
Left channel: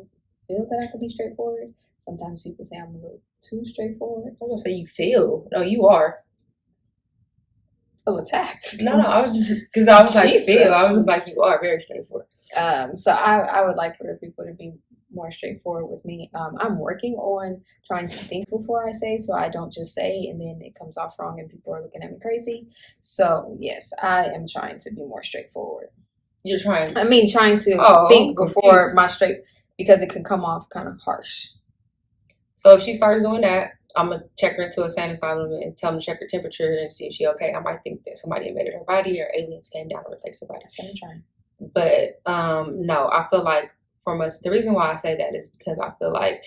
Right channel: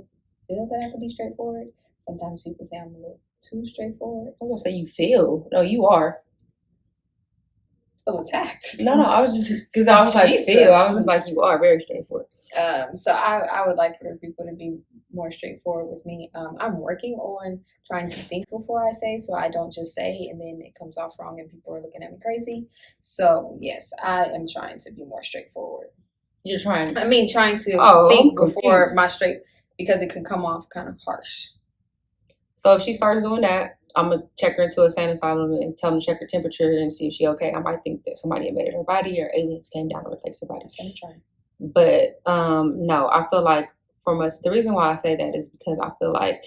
feel that I could be straightforward. Sometimes people say I'm a little too straightforward. I was gonna say you feel. No, you are. Feel attacked. No, I was just because I was like Jesus. feel. I was just like you are very straightforward. So I would like for people to be more straightforward with me. I'm working on trying to think before I say, so I don't just say and then it comes off wrong and people are looking at me crazy. So yes, I am trying to be more straightforward. You're trying. Trying to think before my straight, because it could come off kind of harsh. So if she starts doing that, I'm gonna check her into a sane asylum and tell them to check her temperature and see if she okay. I might think that somebody invaded her body or aliens came down to replace her body. But no, I feel like from us, the reason why I say that is because I feel like,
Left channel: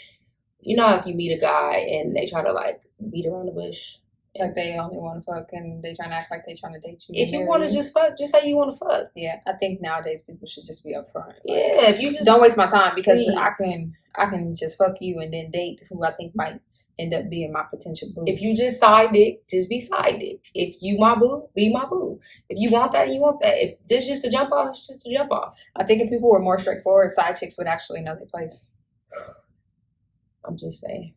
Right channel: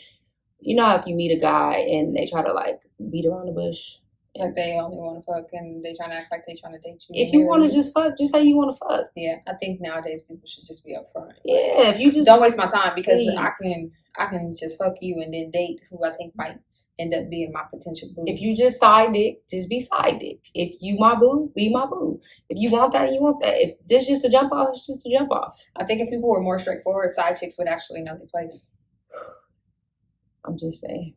you know, if you meet a guy and they try to like beat around the bush, like they only want to fuck and they trying to act like they trying to date you. If you want to just fuck, just say you want to fuck. Yeah, I think nowadays people should just be upfront. Yeah, if you just don't waste my time, because please. I can just fuck you and then date who I think might end up being my potential boo. If you just side dick, just be side dick. If you my boo, be my boo. If you want that, you want that. If this just a jump off, it's just a jump off. I think if people were more straightforward, side chicks would actually know their place. I'm just saying.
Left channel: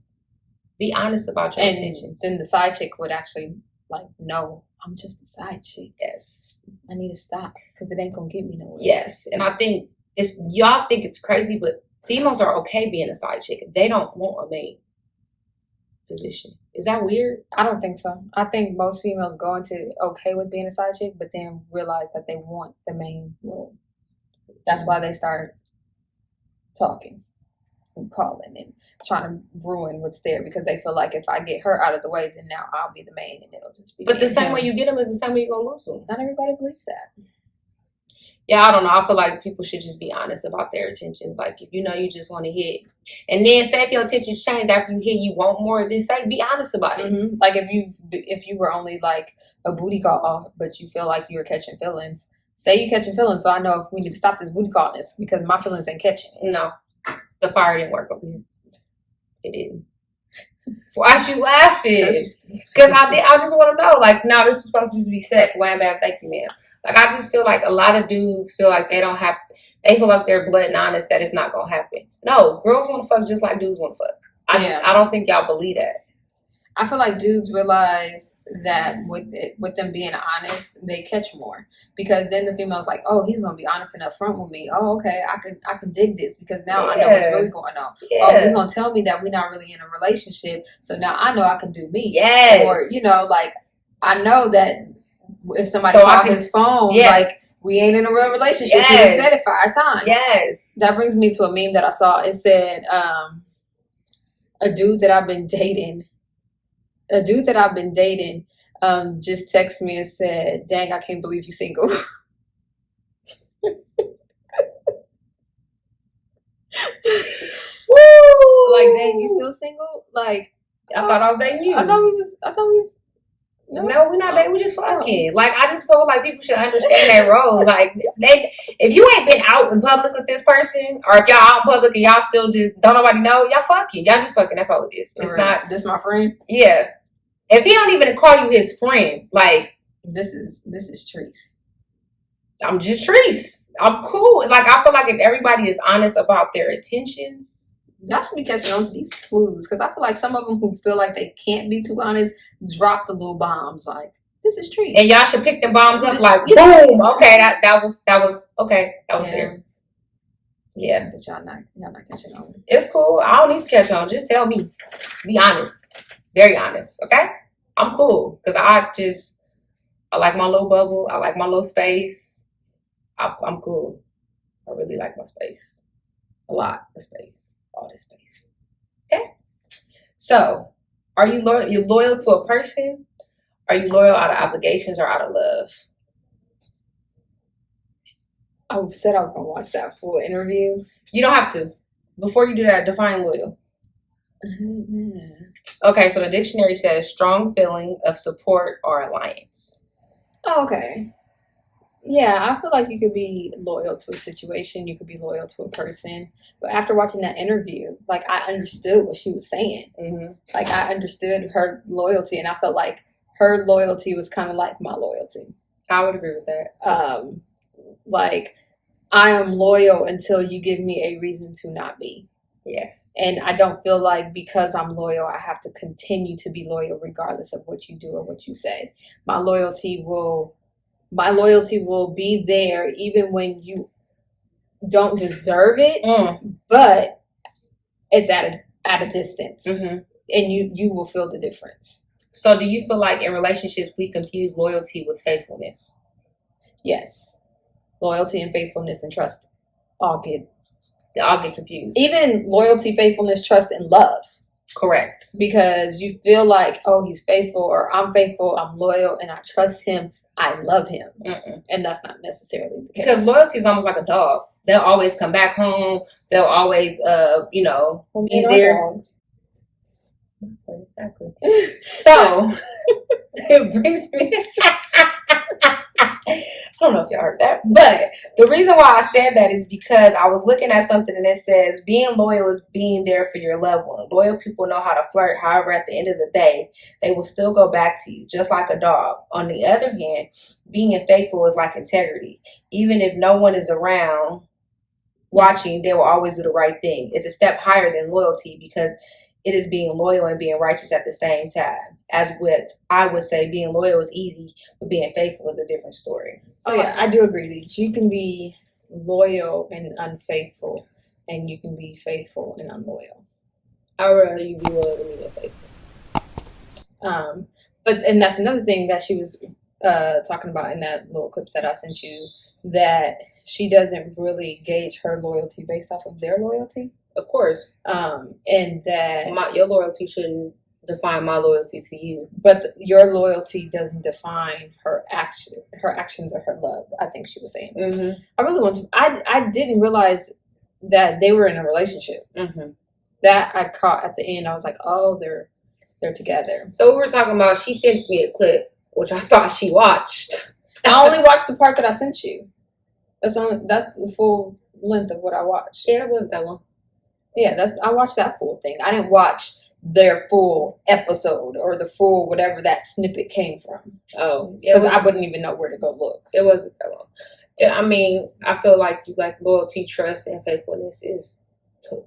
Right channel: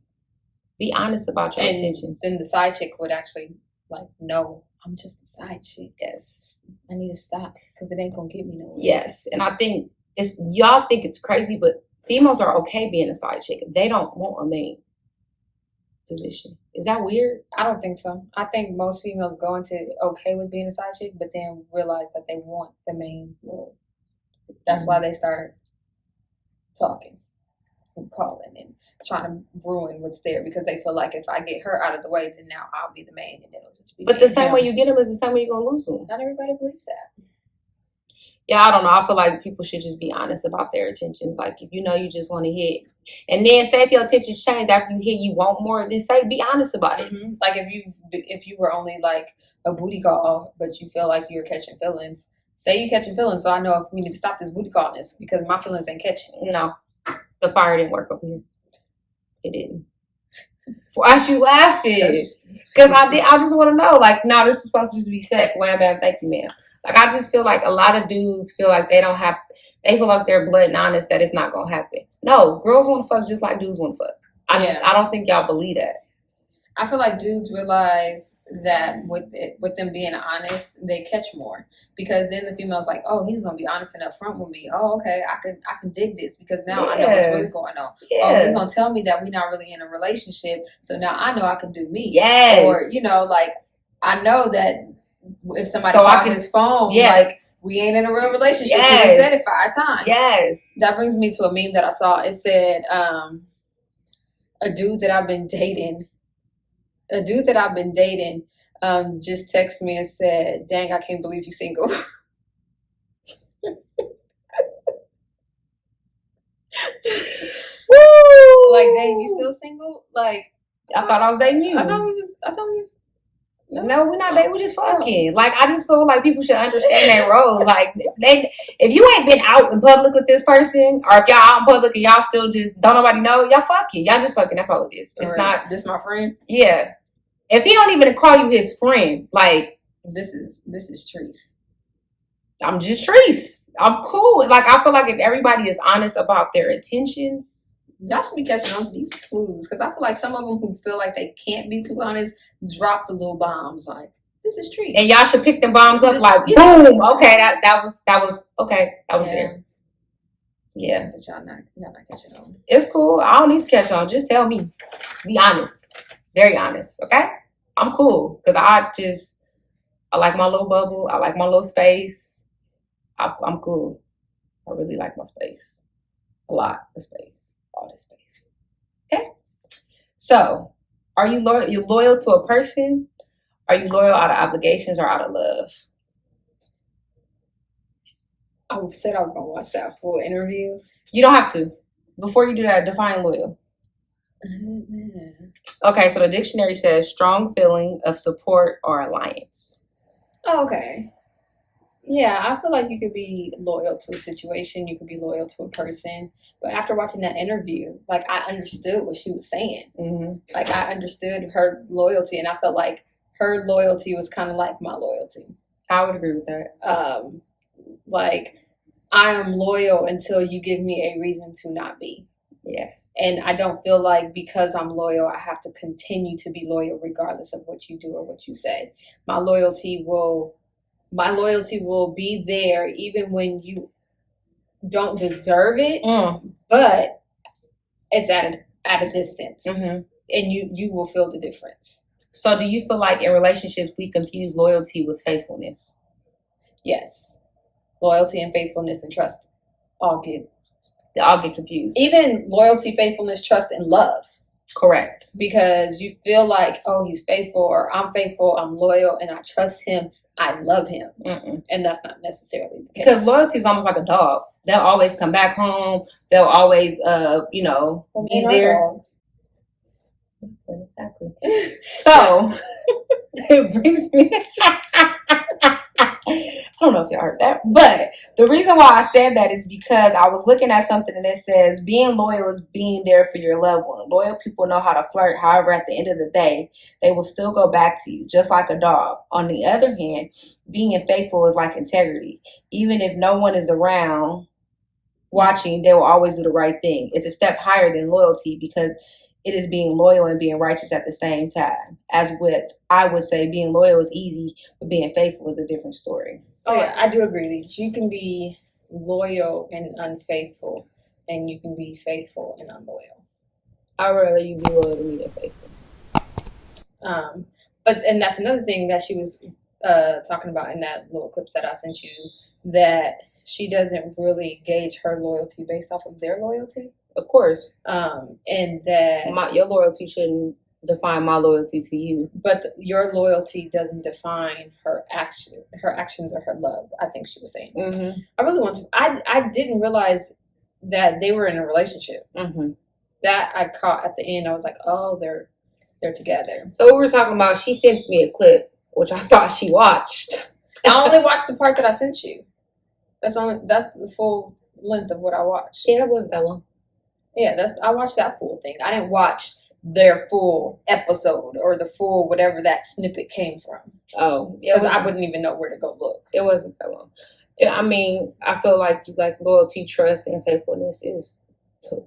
Be honest about your intentions. Then the side chick would actually like, no, I'm just a side chick. Yes. I need to stop because it ain't gonna get me nowhere. Yes. And I think y'all think it's crazy, but females are okay being a side chick. They don't want a main position. Is that weird? I don't think so. I think most females go into okay with being a side chick, but then realize that they want the main role. That's why they start talking. calling and trying to ruin what's there because they feel like if I get her out of the way, then now I'll be the main and it'll just be. But the same way you get them is the same way you're gonna lose them. Not everybody believes that. Yeah, I don't know. I feel like people should just be honest about their intentions. Like, if you know you just want to hit, and then say if your intentions change after you hit, you want more. Then say, be honest about it. Mm-hmm. Like if you were only like a booty call, but you feel like you were catching feelings. Say you catching feelings, so I know if we need to stop this booty callness because my feelings ain't catching. No, the fire didn't work over here. It didn't. Why you laughing? Because I just want to know. Like, now this is supposed to just be sex. Wham, bam, thank you, ma'am. Like, I just feel like a lot of dudes feel like they feel like they're blood and honest that it's not gonna happen. No, girls want to fuck just like dudes want to fuck. I don't think y'all believe that. I feel like dudes realize that with them being honest, they catch more because then the female's like, oh, he's gonna be honest and upfront with me. Oh, okay, I can dig this because now I know what's really going on. Yeah. Oh, he's gonna tell me that we're not really in a relationship, so now I know I can do me. Yes. Or like I know that if somebody calls his phone, like we ain't in a real relationship. He done said it 5 times. Yes. That brings me to a meme that I saw. It said, a dude that I've been dating just texted me and said, dang, I can't believe you're single. Like, dang, you still single? Like, I thought I was dating you. I thought we was no, we're not dating. We just fucking. Like, I just feel like people should understand their roles. Like, if you ain't been out in public with this person, or if y'all out in public and y'all still just don't nobody know, y'all fucking. Y'all just fucking. That's all it is. It's not. This my friend. Yeah. If he don't even call you his friend, like, this is Treese. I'm just Treese. I'm cool. Like, I feel like if everybody is honest about their intentions, y'all should be catching on to these clues because I feel like some of them who feel like they can't be too honest drop the little bombs like, this is Treese. And y'all should pick the bombs up like, boom. Okay, that was okay. That was there. Yeah. But y'all not catching on. It's cool. I don't need to catch on. Just tell me. Be honest. Very honest. Okay? I'm cool. Because I like my little bubble. I like my little space. I'm cool. I really like my space. A lot of space. All this space. Okay? So, are you loyal to a person? Are you loyal out of obligations or out of love? I said I was going to watch that full interview. You don't have to. Before you do that, define loyal. Okay, so the dictionary says strong feeling of support or alliance. Oh, okay. Yeah, I feel like you could be loyal to a situation. You could be loyal to a person. But after watching that interview, like, I understood what she was saying. Mm-hmm. Like, I understood her loyalty, and I felt like her loyalty was kind of like my loyalty. I would agree with that. Like, I am loyal until you give me a reason to not be. Yeah. And I don't feel like because I'm loyal, I have to continue to be loyal regardless of what you do or what you say. My loyalty will be there even when you don't deserve it, but it's at a distance, and you will feel the difference. So do you feel like in relationships we confuse loyalty with faithfulness? Yes. Loyalty and faithfulness and trust all get confused. Even loyalty, faithfulness, trust, and love. Correct. Because you feel like, oh, he's faithful, or I'm faithful, I'm loyal, and I trust him, I love him. And that's not necessarily the case. Because loyalty is almost like a dog. They'll always come back home. They'll always, be there. Dogs. Exactly. So, it brings me... I don't know if y'all heard that, but the reason why I said that is because I was looking at something and it says being loyal is being there for your loved one. Loyal people know how to flirt. However, at the end of the day, they will still go back to you, just like a dog. On the other hand, being faithful is like integrity. Even if no one is around watching, they will always do the right thing. It's a step higher than loyalty because it is being loyal and being righteous at the same time. As what I would say, being loyal is easy, but being faithful is a different story. So yeah, I do agree that you can be loyal and unfaithful, and you can be faithful and unloyal. I'd rather you be loyal than me than faithful. And that's another thing that she was talking about in that little clip that I sent you, that she doesn't really gauge her loyalty based off of their loyalty. Of course. And that Your loyalty shouldn't define my loyalty to you. but your loyalty doesn't define her actions or her love. I think she was saying. Mm-hmm. I really want to. I didn't realize that they were in a relationship. Mm-hmm. That I caught at the end. I was like, oh, they're together. So we were talking about. She sent me a clip, which I thought she watched. I only watched the part that I sent you. That's the full length of what I watched. Yeah, it wasn't that long. Yeah, I watched that full thing. I didn't watch their full episode or the full whatever that snippet came from. Oh, because I wouldn't even know where to go look. It wasn't that long. I mean, I feel like loyalty, trust, and faithfulness is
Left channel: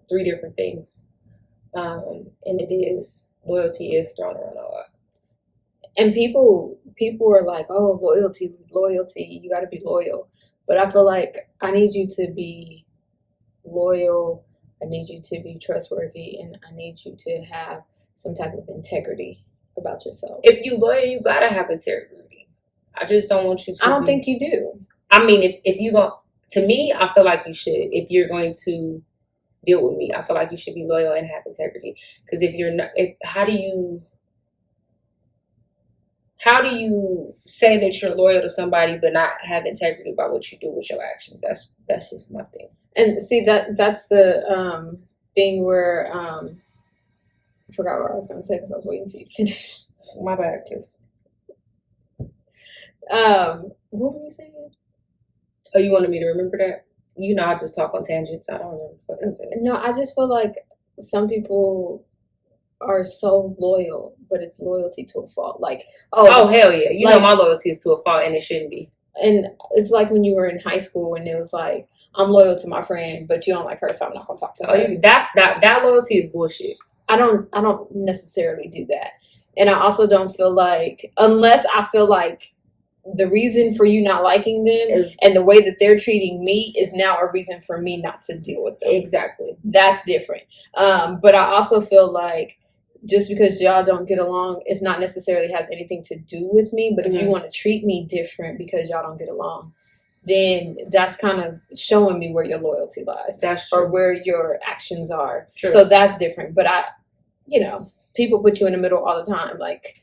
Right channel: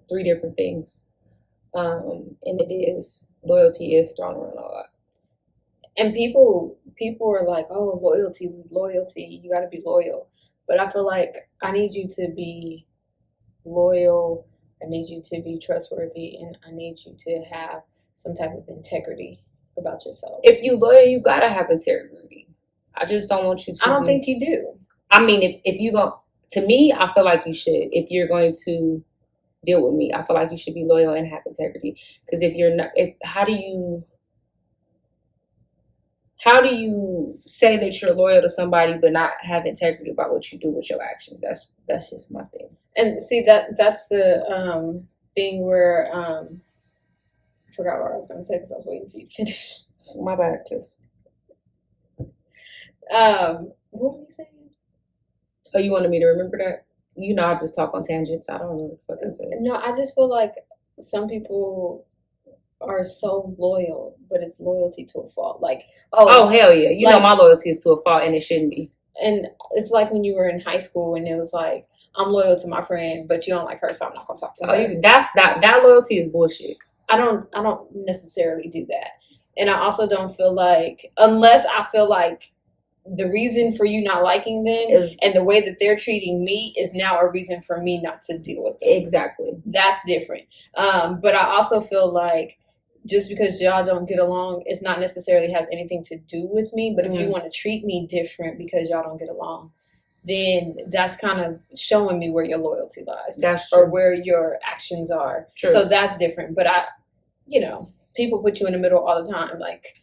three different things, and loyalty is thrown around a lot. And people are like, oh, loyalty, you got to be loyal. But I feel like I need you to be loyal. I need you to be trustworthy, and I need you to have some type of integrity about yourself. If you loyal, you gotta have integrity. I just don't want you to. I don't think you do. I mean, if you go to me, I feel like you should. If you're going to deal with me, I feel like you should be loyal and have integrity. Because if you're not, how do you say that you're loyal to somebody but not have integrity about what you do with your actions? That's just my thing. And see that's the thing where I forgot what I was going to say because I was waiting for you to finish. My bad, kids. What were you saying? Oh, you wanted me to remember that? You know, I just talk on tangents. I don't remember what I said. No, I just feel like some people are so loyal, but it's loyalty to a fault. Like, oh hell yeah, you know my loyalty is to a fault, and it shouldn't be. And it's like when you were in high school, and it was like, I'm loyal to my friend, but you don't like her, so I'm not gonna talk to her. That loyalty is bullshit. I don't necessarily do that, and I also don't feel like, unless I feel like the reason for you not liking them and the way that they're treating me is now a reason for me not to deal with them. Exactly. That's different. But I also feel like just because y'all don't get along, it's not necessarily has anything to do with me. But if you want to treat me different because y'all don't get along, then that's kind of showing me where your loyalty lies. That's true. Or where your actions are. True. So that's different. But people put you in the middle all the time. Like,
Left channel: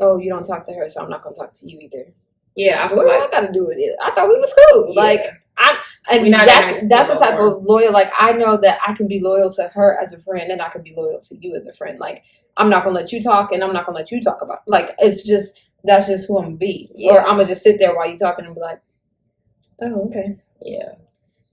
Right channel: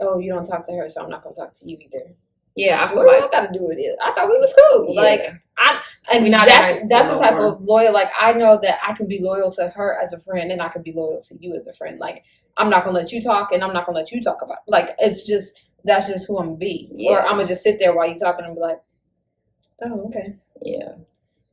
oh, you don't talk to her, so I'm not gonna talk to you either. Yeah, I feel what do I gotta do with it? I thought we was cool. Yeah. That's the type of loyal. Like, I know that I can be loyal to her as a friend, and I can be loyal to you as a friend. Like, I'm not gonna let you talk, and I'm not gonna let you talk about. Like, it's just that's just who I'm gonna be. Yeah. Or I'm gonna just sit there while you talking and be like, oh, okay, yeah.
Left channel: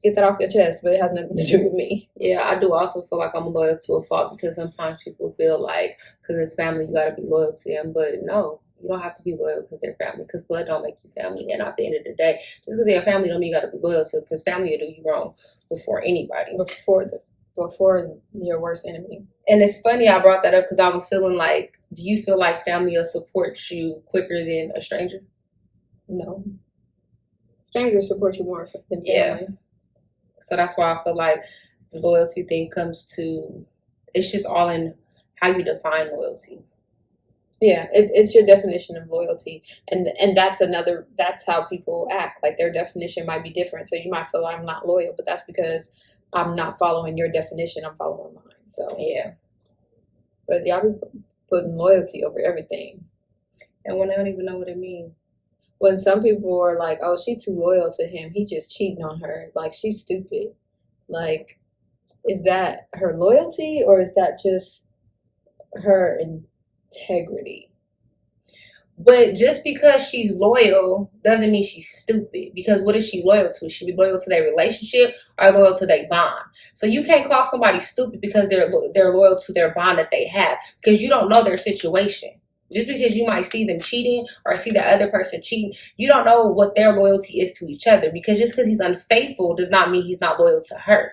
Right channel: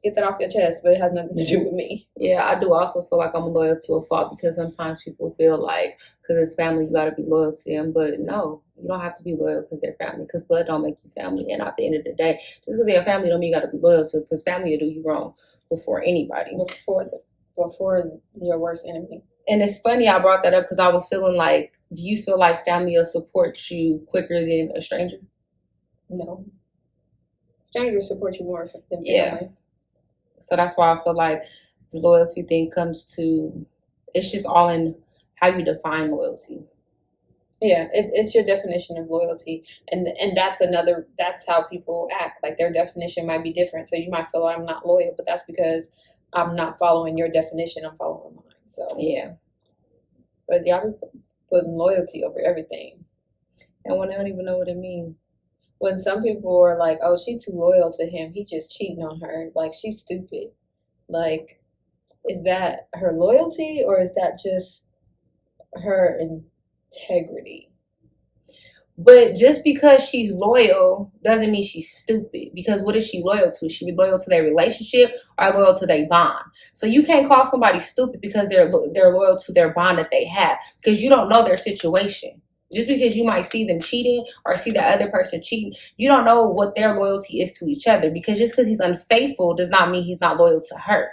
Get that off your chest, but it has nothing to do with me. Yeah, I do also feel like I'm loyal to a fault because sometimes people feel like because it's family, you got to be loyal to them. But no, you don't have to be loyal because they're family, because blood don't make you family. And at the end of the day, just because they're family don't mean you got to be loyal to, because family will do you wrong before anybody. Before your worst enemy. And it's funny I brought that up because I was feeling like, do you feel like family will support you quicker than a stranger? No. Strangers support you more than family. Yeah. So that's why I feel like the loyalty thing comes to, it's just all in how you define loyalty. Yeah, it's your definition of loyalty. And that's how people act. Like, their definition might be different. So you might feel like I'm not loyal, but that's because I'm not following your definition, I'm following mine. So yeah. But y'all be putting loyalty over everything. And when they don't even know what it means. When some people are like, oh, she's too loyal to him, he just cheating on her, like, she's stupid. Like, is that her loyalty, or is that just her integrity? But just because she's loyal doesn't mean she's stupid. Because what is she loyal to? She be loyal to their relationship or loyal to their bond. So you can't call somebody stupid because they're loyal to their bond that they have, because you don't know their situation. Just because you might see them cheating or see the other person cheating, you don't know what their loyalty is to each other. Because just because he's unfaithful does not mean he's not loyal to her.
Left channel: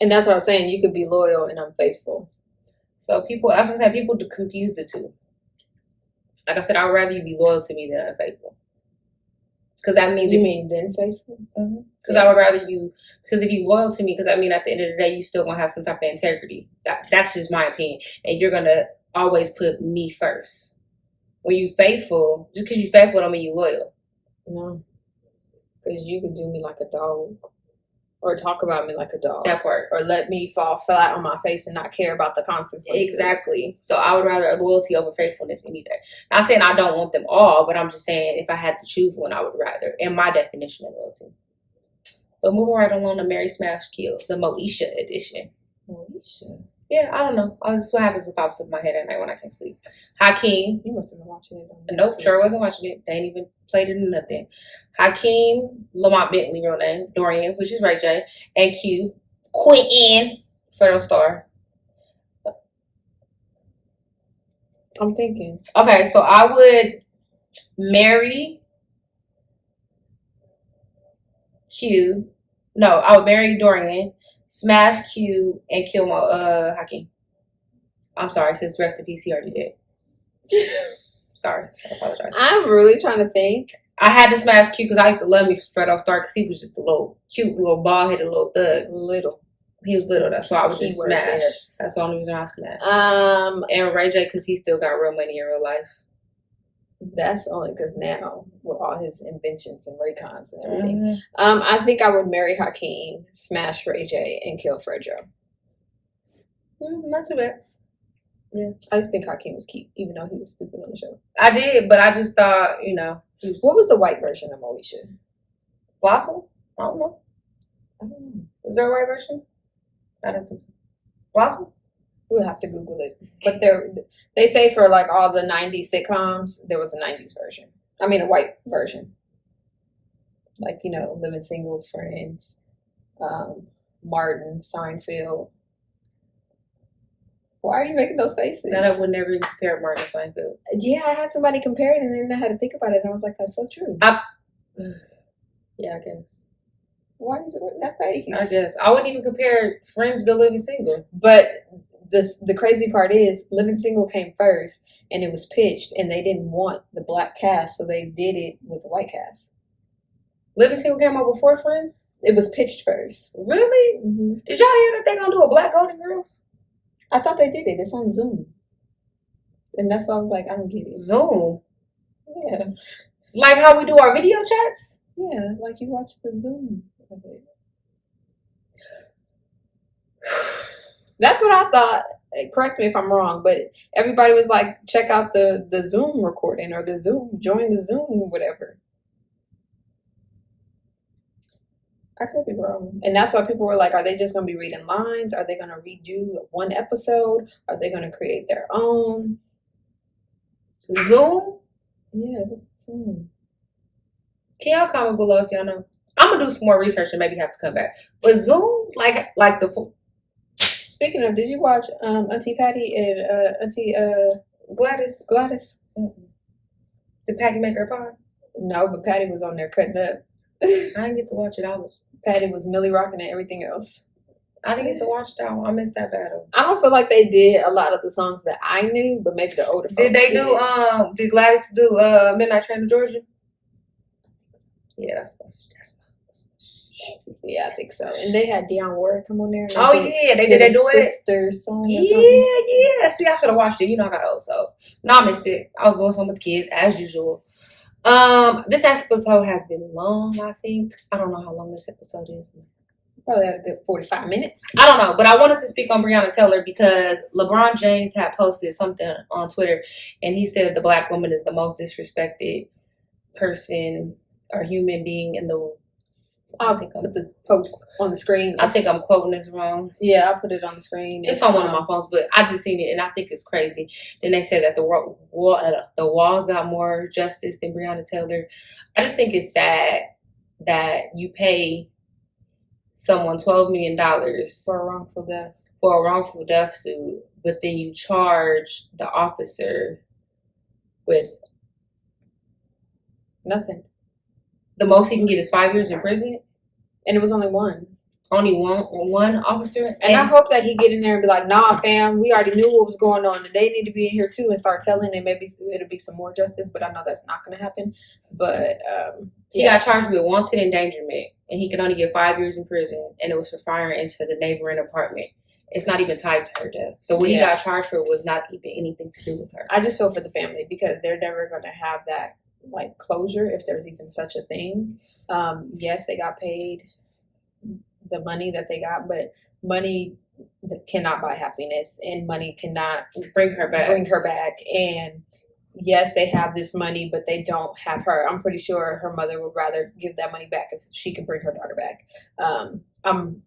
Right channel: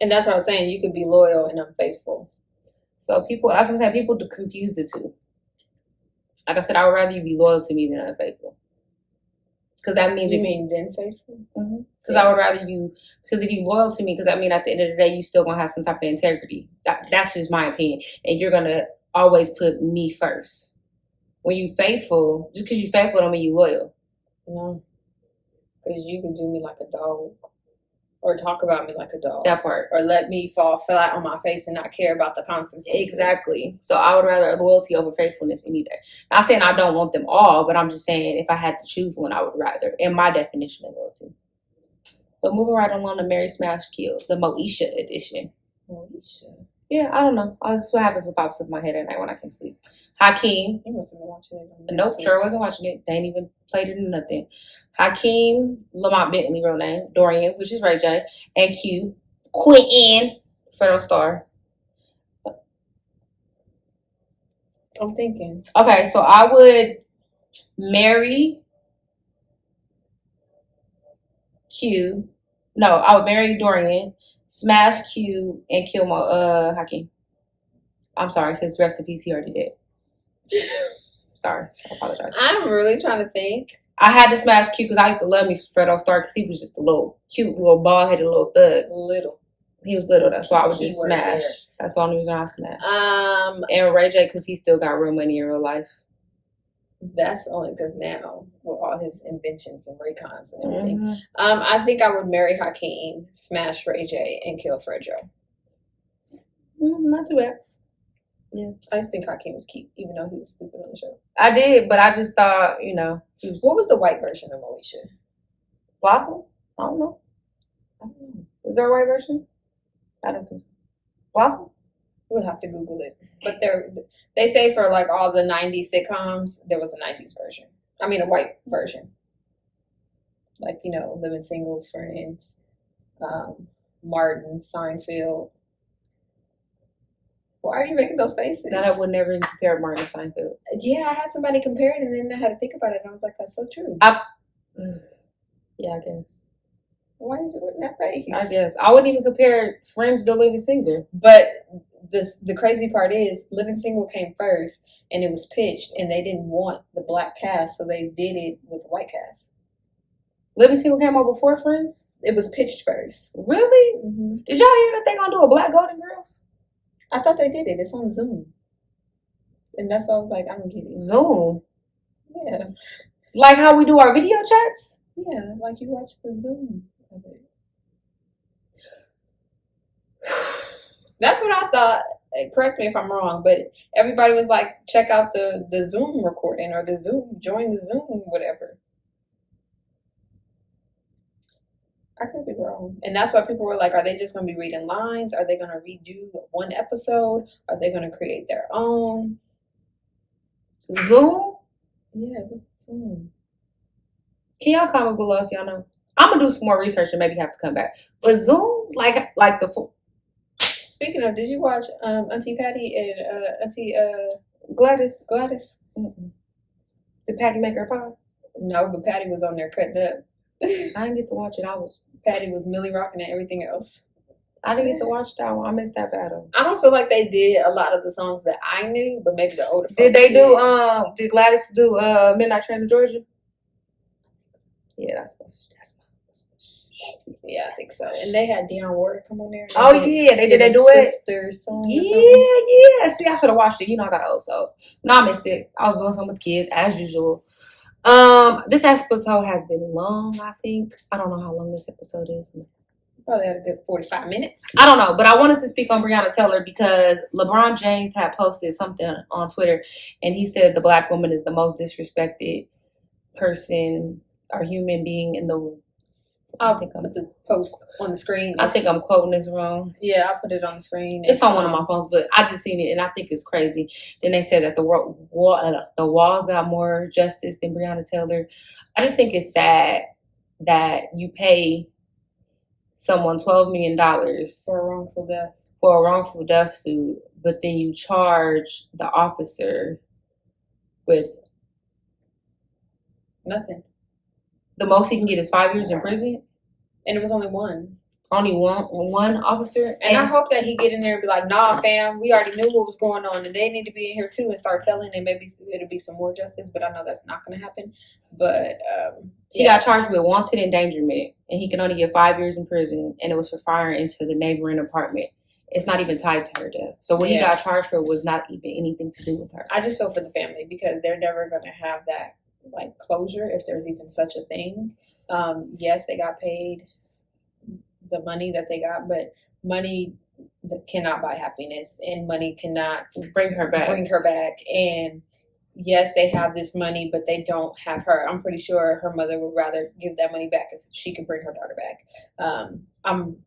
And that's what I'm saying. You could be loyal and unfaithful. So people, as I'm saying, people confuse the two. Like I said, I would rather you be loyal to me than unfaithful. Because that means... You mean than faithful? Mm-hmm. Because I would rather you... Because if you're loyal to me, because I mean, at the end of the day, you still going to have some type of integrity. That's just my opinion. And you're going to always put me first. When you faithful, just because you faithful don't mean you loyal. No. Because you can do me like a dog or talk about me like a dog. That part. Or let me fall flat on my face and not care about the consequences. Exactly. So I would rather loyalty over faithfulness any day. Not saying I don't want them all, but I'm just saying if I had to choose one, I would rather, in my definition of loyalty. But moving right along to Mary Smash Kill, the Moesha edition. Moesha? Yeah, I don't know. This is what happens with pops up in my head at night when I can't sleep. Hakeem. You must have been watching it on Netflix. Nope, sure wasn't watching it. They ain't even played it in nothing. Hakeem, Lamont Bentley, real name, Dorian, which is Ray J, and Q, Quentin, Federal Star. I'm thinking. Okay, so I would marry Q. No, I would marry Dorian, smash Q, and kill my Hakeem. I'm sorry, because rest in peace, he already did. Sorry, I apologize. I'm really trying to think. I had to smash Q because I used to love me Fredo Starr because he was just a little cute, little bald-headed little thug. Little. He was little, so I would just smash. There. That's the only reason I smash. And Ray J because he still got real money in real life. That's only because now with all his inventions and Raycons and everything. I think I would marry Hakeem, smash Ray J, and kill Fredo. Not too bad. Yeah, I just think Hakeem was cute, even though he was stupid on the show. I did, but I just thought, you know. What was the white version of Moesha? Blossom? I don't know. Is there a white version? I don't think so. Blossom? We'll have to Google it. But they say for like all the 90s sitcoms, there was a 90s version. I mean, a white version. Like, you know, Living Single, Friends, Martin, Seinfeld. Why are you making those faces? No, I would never compare Martin to Seinfeld. Yeah, I had somebody compare it, and then I had to think about it, and I was like, that's so true. Yeah, I guess. Why are you doing that face? I guess. I wouldn't even compare Friends to Living Single. But the crazy part is, Living Single came first, and it was pitched, and they didn't want the black cast, so they did it with the white cast. Living Single came out before Friends? It was pitched first. Really? Mm-hmm. Did y'all hear that they gonna do a Black Golden Girls? I thought they did it. It's on Zoom. And that's why I was like, I don't get it. Zoom? Yeah. Like how we do our video chats? Yeah, like you watch the Zoom of it. That's what I thought. Correct me if I'm wrong, but everybody was like, check out the Zoom recording or the Zoom, join the Zoom, whatever. I could be wrong. And that's why people were like, are they just going to be reading lines? Are they going to redo one episode? Are they going to create their own? Zoom? Yeah, it was Zoom. Can y'all comment below if y'all know? I'm going to do some more research and maybe have to come back. But Zoom? Like the... Speaking of, did you watch Auntie Patty and Auntie Gladys? Mm-mm. Did Patty make her pie? No, but Patty was on there cutting up. I didn't get to watch it. Patty was Millie rocking and everything else. I didn't get to watch that one. I missed that battle. I don't feel like they did a lot of the songs that I knew, but maybe the older folks did. Did Gladys do Midnight Train to Georgia? Yeah, that's supposed to. Yeah, I think so. And they had Dionne Warwick come on there. Oh yeah, they do it. Sister song. Yeah. See, I should have watched it. You know, I got old, so no, I missed it. I was doing something with the kids as usual. This episode has been long. I think I don't know how long this episode is. Probably had a good 45 minutes. I don't know, but I wanted to speak on Breonna Taylor because LeBron James had posted something on Twitter, and he said the black woman is the most disrespected person or human being in the. I'll put the post on the screen. I think I'm quoting this wrong. Yeah, I'll put it on the screen. It's on one of my phones, but I just seen it and I think it's crazy. Then they said that the walls got more justice than Breonna Taylor. I just think it's sad that you pay someone $12 million for a wrongful death suit, but then you charge the officer with nothing. The most he can get is 5 years in prison. And it was only one. Only one officer? And I hope that he get in there and be like, nah, fam, we already knew what was going on. And they need to be in here too and start telling, and maybe it'll be some more justice. But I know that's not going to happen. But, He got charged with wanton endangerment. And he can only get 5 years in prison. And it was for firing into the neighboring apartment. It's not even tied to her death. So what he got charged for was not even anything to do with her. I just feel for the family because they're never going to have that like closure if there's even such a thing. Yes, they got paid the money that they got, but money cannot buy happiness, and money cannot bring her back. And yes, they have this money, but they don't have her. I'm pretty sure her mother would rather give that money back if she could bring her daughter back. I'm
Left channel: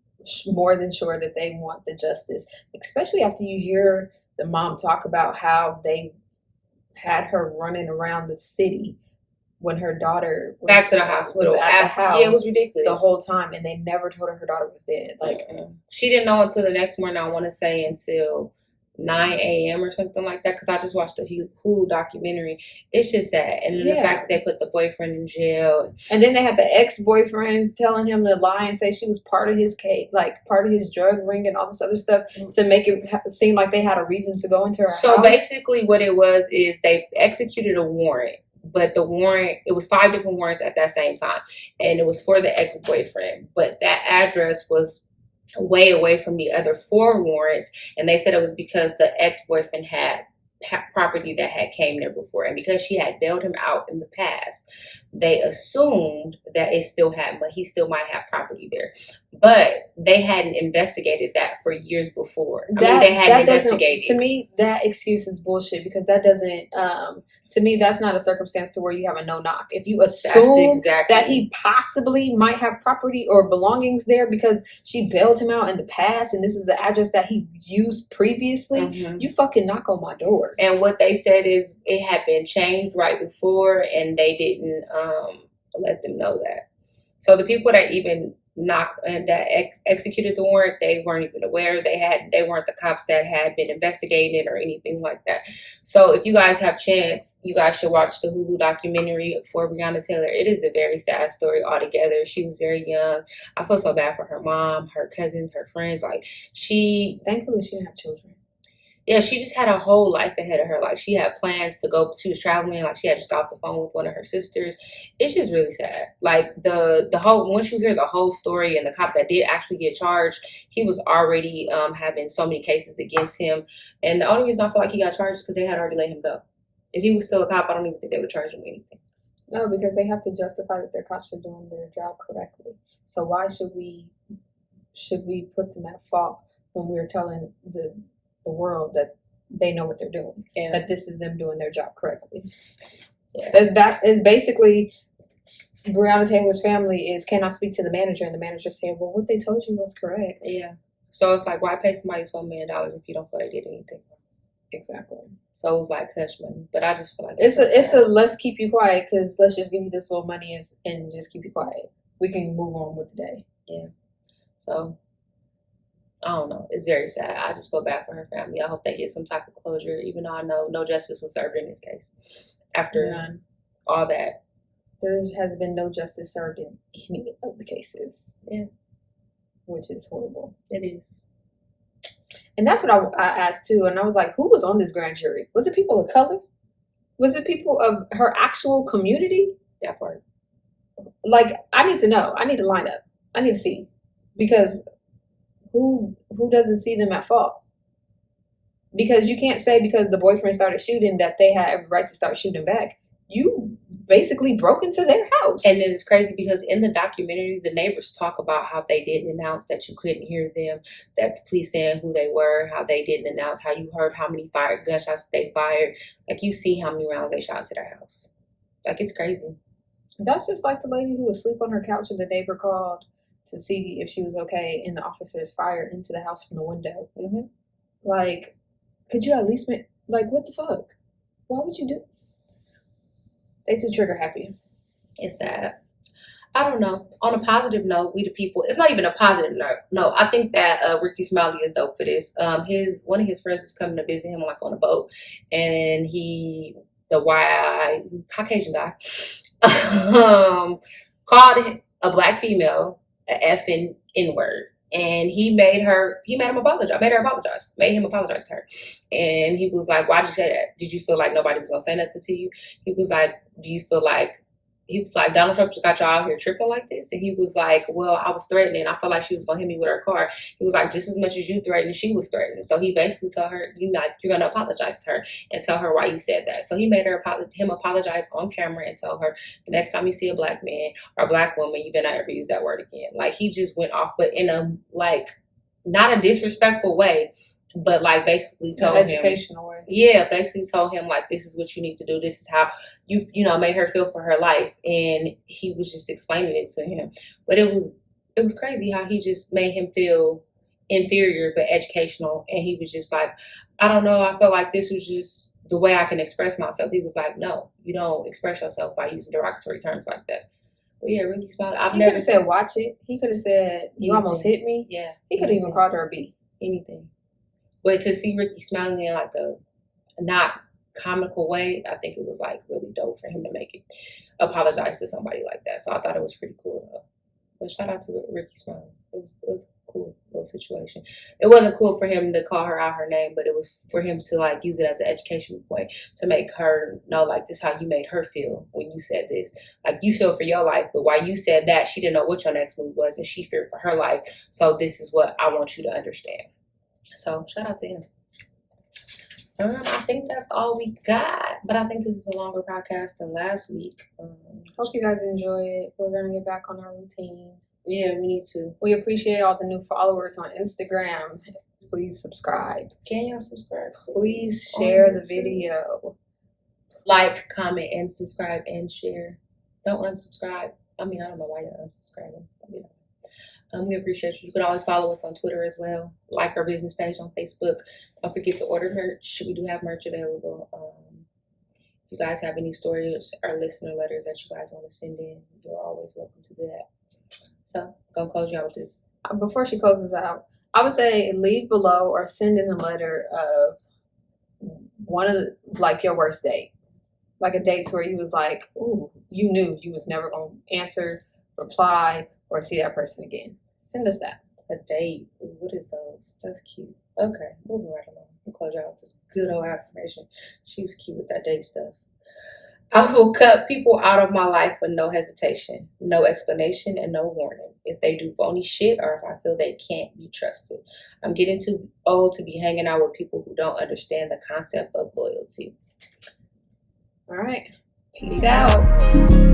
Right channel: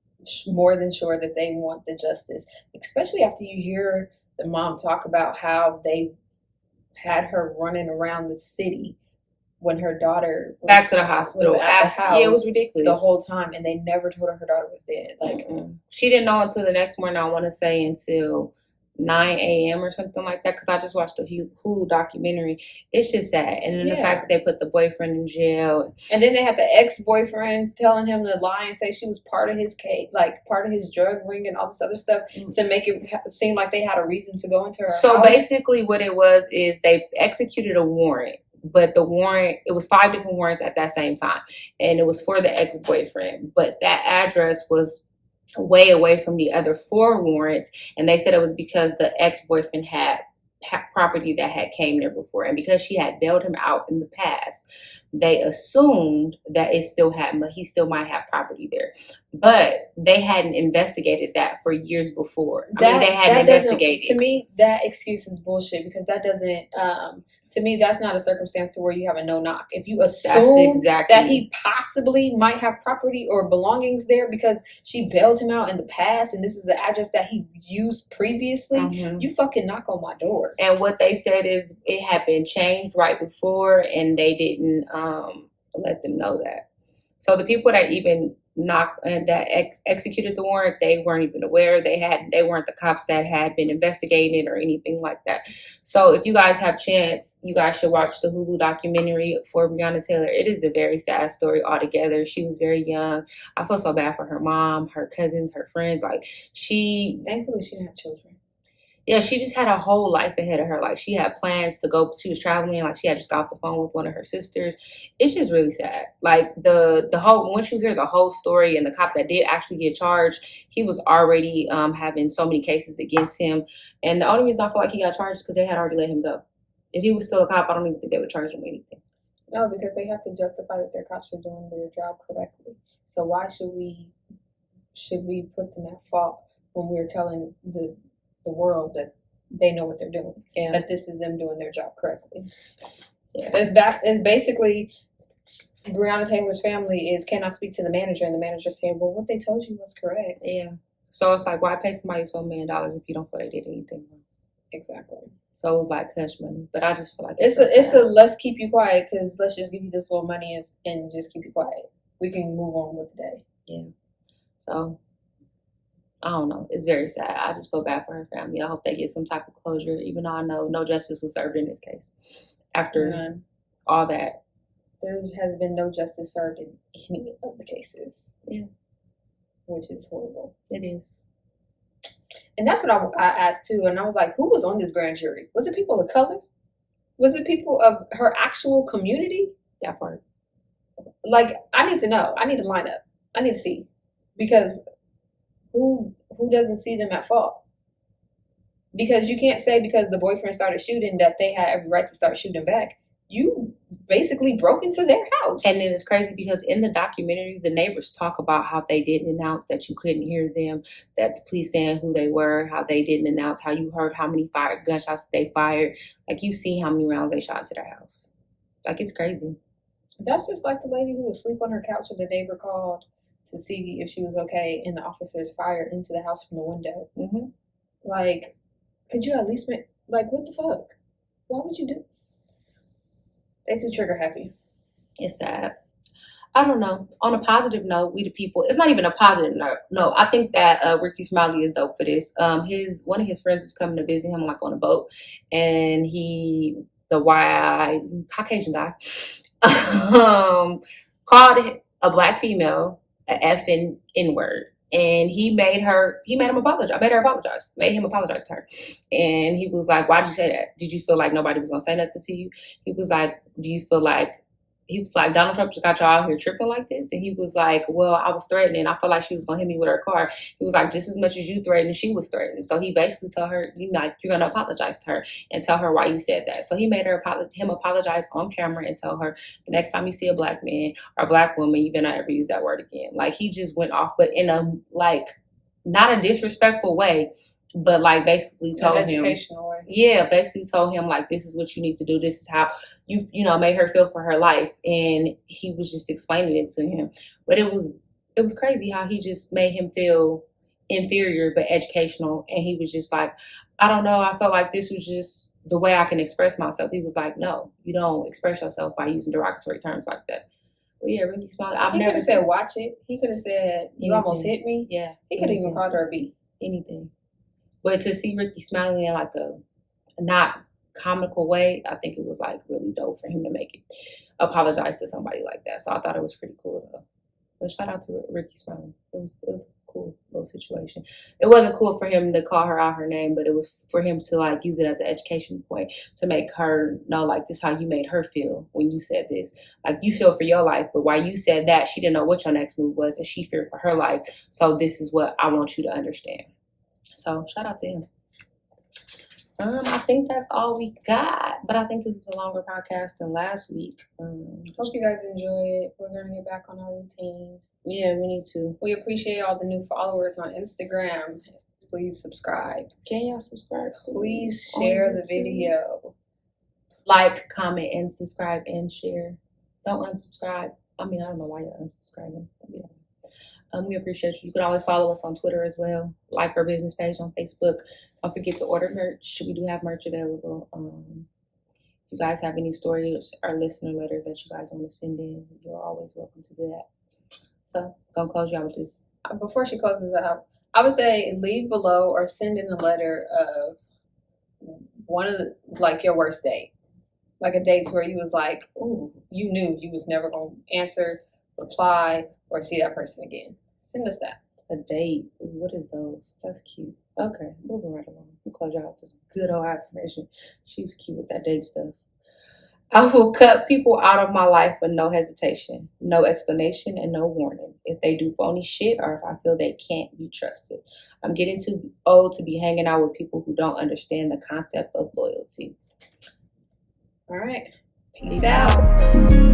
more than sure that they want the justice, especially after you hear the mom talk about how they had her running around the city when her daughter was back to the hospital, was at the house. Yeah, it was ridiculous the whole time, and they never told her daughter was dead. Like, she didn't know until the next morning. I want to say until 9 a.m. or something like that, because I just watched a Hulu documentary. It's just sad. And then the fact that they put the boyfriend in jail. And then they had the ex-boyfriend telling him to lie and say she was part of his case, like part of his drug ring and all this other stuff, to make it seem like they had a reason to go into her house. So basically what it was is they executed a warrant. But the warrant, it was 5 different warrants at that same time. And it was for the ex-boyfriend. But that address was way away from the other 4 warrants. And they said it was because the ex-boyfriend had property that had came there before. And because she had bailed him out in the past, they assumed that it still had, but he still might have property there. But they hadn't investigated that for years before. They hadn't investigated. To me, that excuse is bullshit, because that doesn't, to me, that's not a circumstance to where you have a no-knock. If you assume that he possibly might have property or belongings there because she bailed him out in the past and this is the address that he used previously, you fucking knock on my door. And what they said is it had been changed right before, and they didn't let them know that. So the people that even executed the warrant, they weren't even aware. They weren't the cops that had been investigating it or anything like that. So if you guys have chance, you guys should watch the Hulu documentary for Breonna Taylor. It is a very sad story altogether. She was very young. I feel so bad for her mom, her cousins, her friends. Like, thankfully she didn't have children. Yeah, she just had a whole life ahead of her. Like, she had plans to go. She was traveling. Like, she had just got off the phone with one of her sisters. It's just really sad. Like, the whole, once you hear the whole story, and the cop that did actually get charged, he was already having so many cases against him. And the only reason I feel like he got charged is because they had already let him go. If he was still a cop, I don't even think they would charge him with anything. No, because they have to justify that their cops are doing their job correctly. So why should we put them at fault when we're telling the world that they know what they're doing, that this is them doing their job correctly? It's basically Breonna Taylor's family cannot speak to the manager, and the manager saying, well, what they told you was correct. Yeah. So it's like, why pay somebody $12 million if you don't feel they did anything wrong? Exactly. So it was like hush money, but I just feel like it's a let's keep you quiet, because let's just give you this little money and just keep you quiet. We can move on with the day. Yeah. So I don't know. It's very sad. I just feel bad for her family. I hope they get some type of closure, even though I know no justice was served in this case. After all that. There has been no justice served in any of the cases. Yeah. Which is horrible. It is. And that's what I asked too. And I was like, who was on this grand jury? Was it people of color? Was it people of her actual community? That part. Like, I need to know. I need to line up. I need to see. Because who doesn't see them at fault? Because you can't say because the boyfriend started shooting that they had every right to start shooting back. You basically broke into their house. And then it's crazy because in the documentary, the neighbors talk about how they didn't announce that you couldn't hear them, that the police saying who they were, how they didn't announce, how you heard how many gunshots they fired. Like, you see how many rounds they shot to their house. Like, it's crazy. That's just like the lady who was asleep on her couch and the neighbor called to see if she was okay, and the officers fired into the house from the window. Like, could you at least what the fuck? Why would you do? They too trigger happy. It's sad. I don't know. On a positive note, we the people. It's not even a positive note. No, I think that Ricky Smiley is dope for this. One of his friends was coming to visit him on a boat, and the Caucasian guy, called a black female an effing N-word. And he made her apologize. Made him apologize to her. And he was like, why did you say that? Did you feel like nobody was going to say nothing to you? He was like, do you feel like he was like, Donald Trump just got y'all out here tripping like this. And he was like, well, I was threatening. I felt like she was going to hit me with her car. He was like, just as much as you threatened, she was threatened. So he basically told her, you're going to apologize to her and tell her why you said that. So he made him apologize on camera and tell her, the next time you see a black man or a black woman, you better not ever use that word again. Like, he just went off, but in a, like, not a disrespectful way, but like basically told him, educational way. Yeah, basically told him like, this is what you need to do. This is how you made her feel for her life. And he was just explaining it to him. But it was crazy how he just made him feel inferior but educational. And he was just like, I don't know, I felt like this was just the way I can express myself. He was like, no, you don't express yourself by using derogatory terms like that. But yeah, Ricky Smiley, He could have said, watch it. He could have said, you almost hit me. Yeah. He could have even called her a B. Anything. But to see Ricky smiling in like a not comical way, I think it was like really dope for him to make it apologize to somebody like that. So I thought it was pretty cool though. But shout out to Ricky smiling. It was a cool little situation. It wasn't cool for him to call her out her name, but it was for him to like use it as an education point to make her know like, this is how you made her feel when you said this. Like, you feel for your life, but while you said that, she didn't know what your next move was and she feared for her life. So this is what I want you to understand. So shout out to him. I think that's all we got, but I think this was a longer podcast than last week. Hope you guys enjoy it. We're gonna get back on our routine. Yeah, we need to. We appreciate all the new followers on Instagram. Please subscribe. Can y'all subscribe? Please share the video. Like, comment, and subscribe and share. Don't unsubscribe. I mean, I don't know why you're unsubscribing. We appreciate you. You can always follow us on Twitter as well. Like our business page on Facebook. Don't forget to order merch. We do have merch available. If you guys have any stories or listener letters that you guys want to send in, you're always welcome to do that. So, gonna close you out with this. Before she closes out, I would say leave below or send in a letter of one of the, like, your worst date. Like a date where you was like, ooh, you knew you was never gonna answer, reply, or see that person again. Send us that. A date. Ooh, what is those? That's cute. Okay, moving right along. We'll close you out with this good old affirmation. She's cute with that date stuff. I will cut people out of my life with no hesitation, no explanation, and no warning. If they do phony shit or if I feel they can't be trusted. I'm getting too old to be hanging out with people who don't understand the concept of loyalty. All right. Peace out.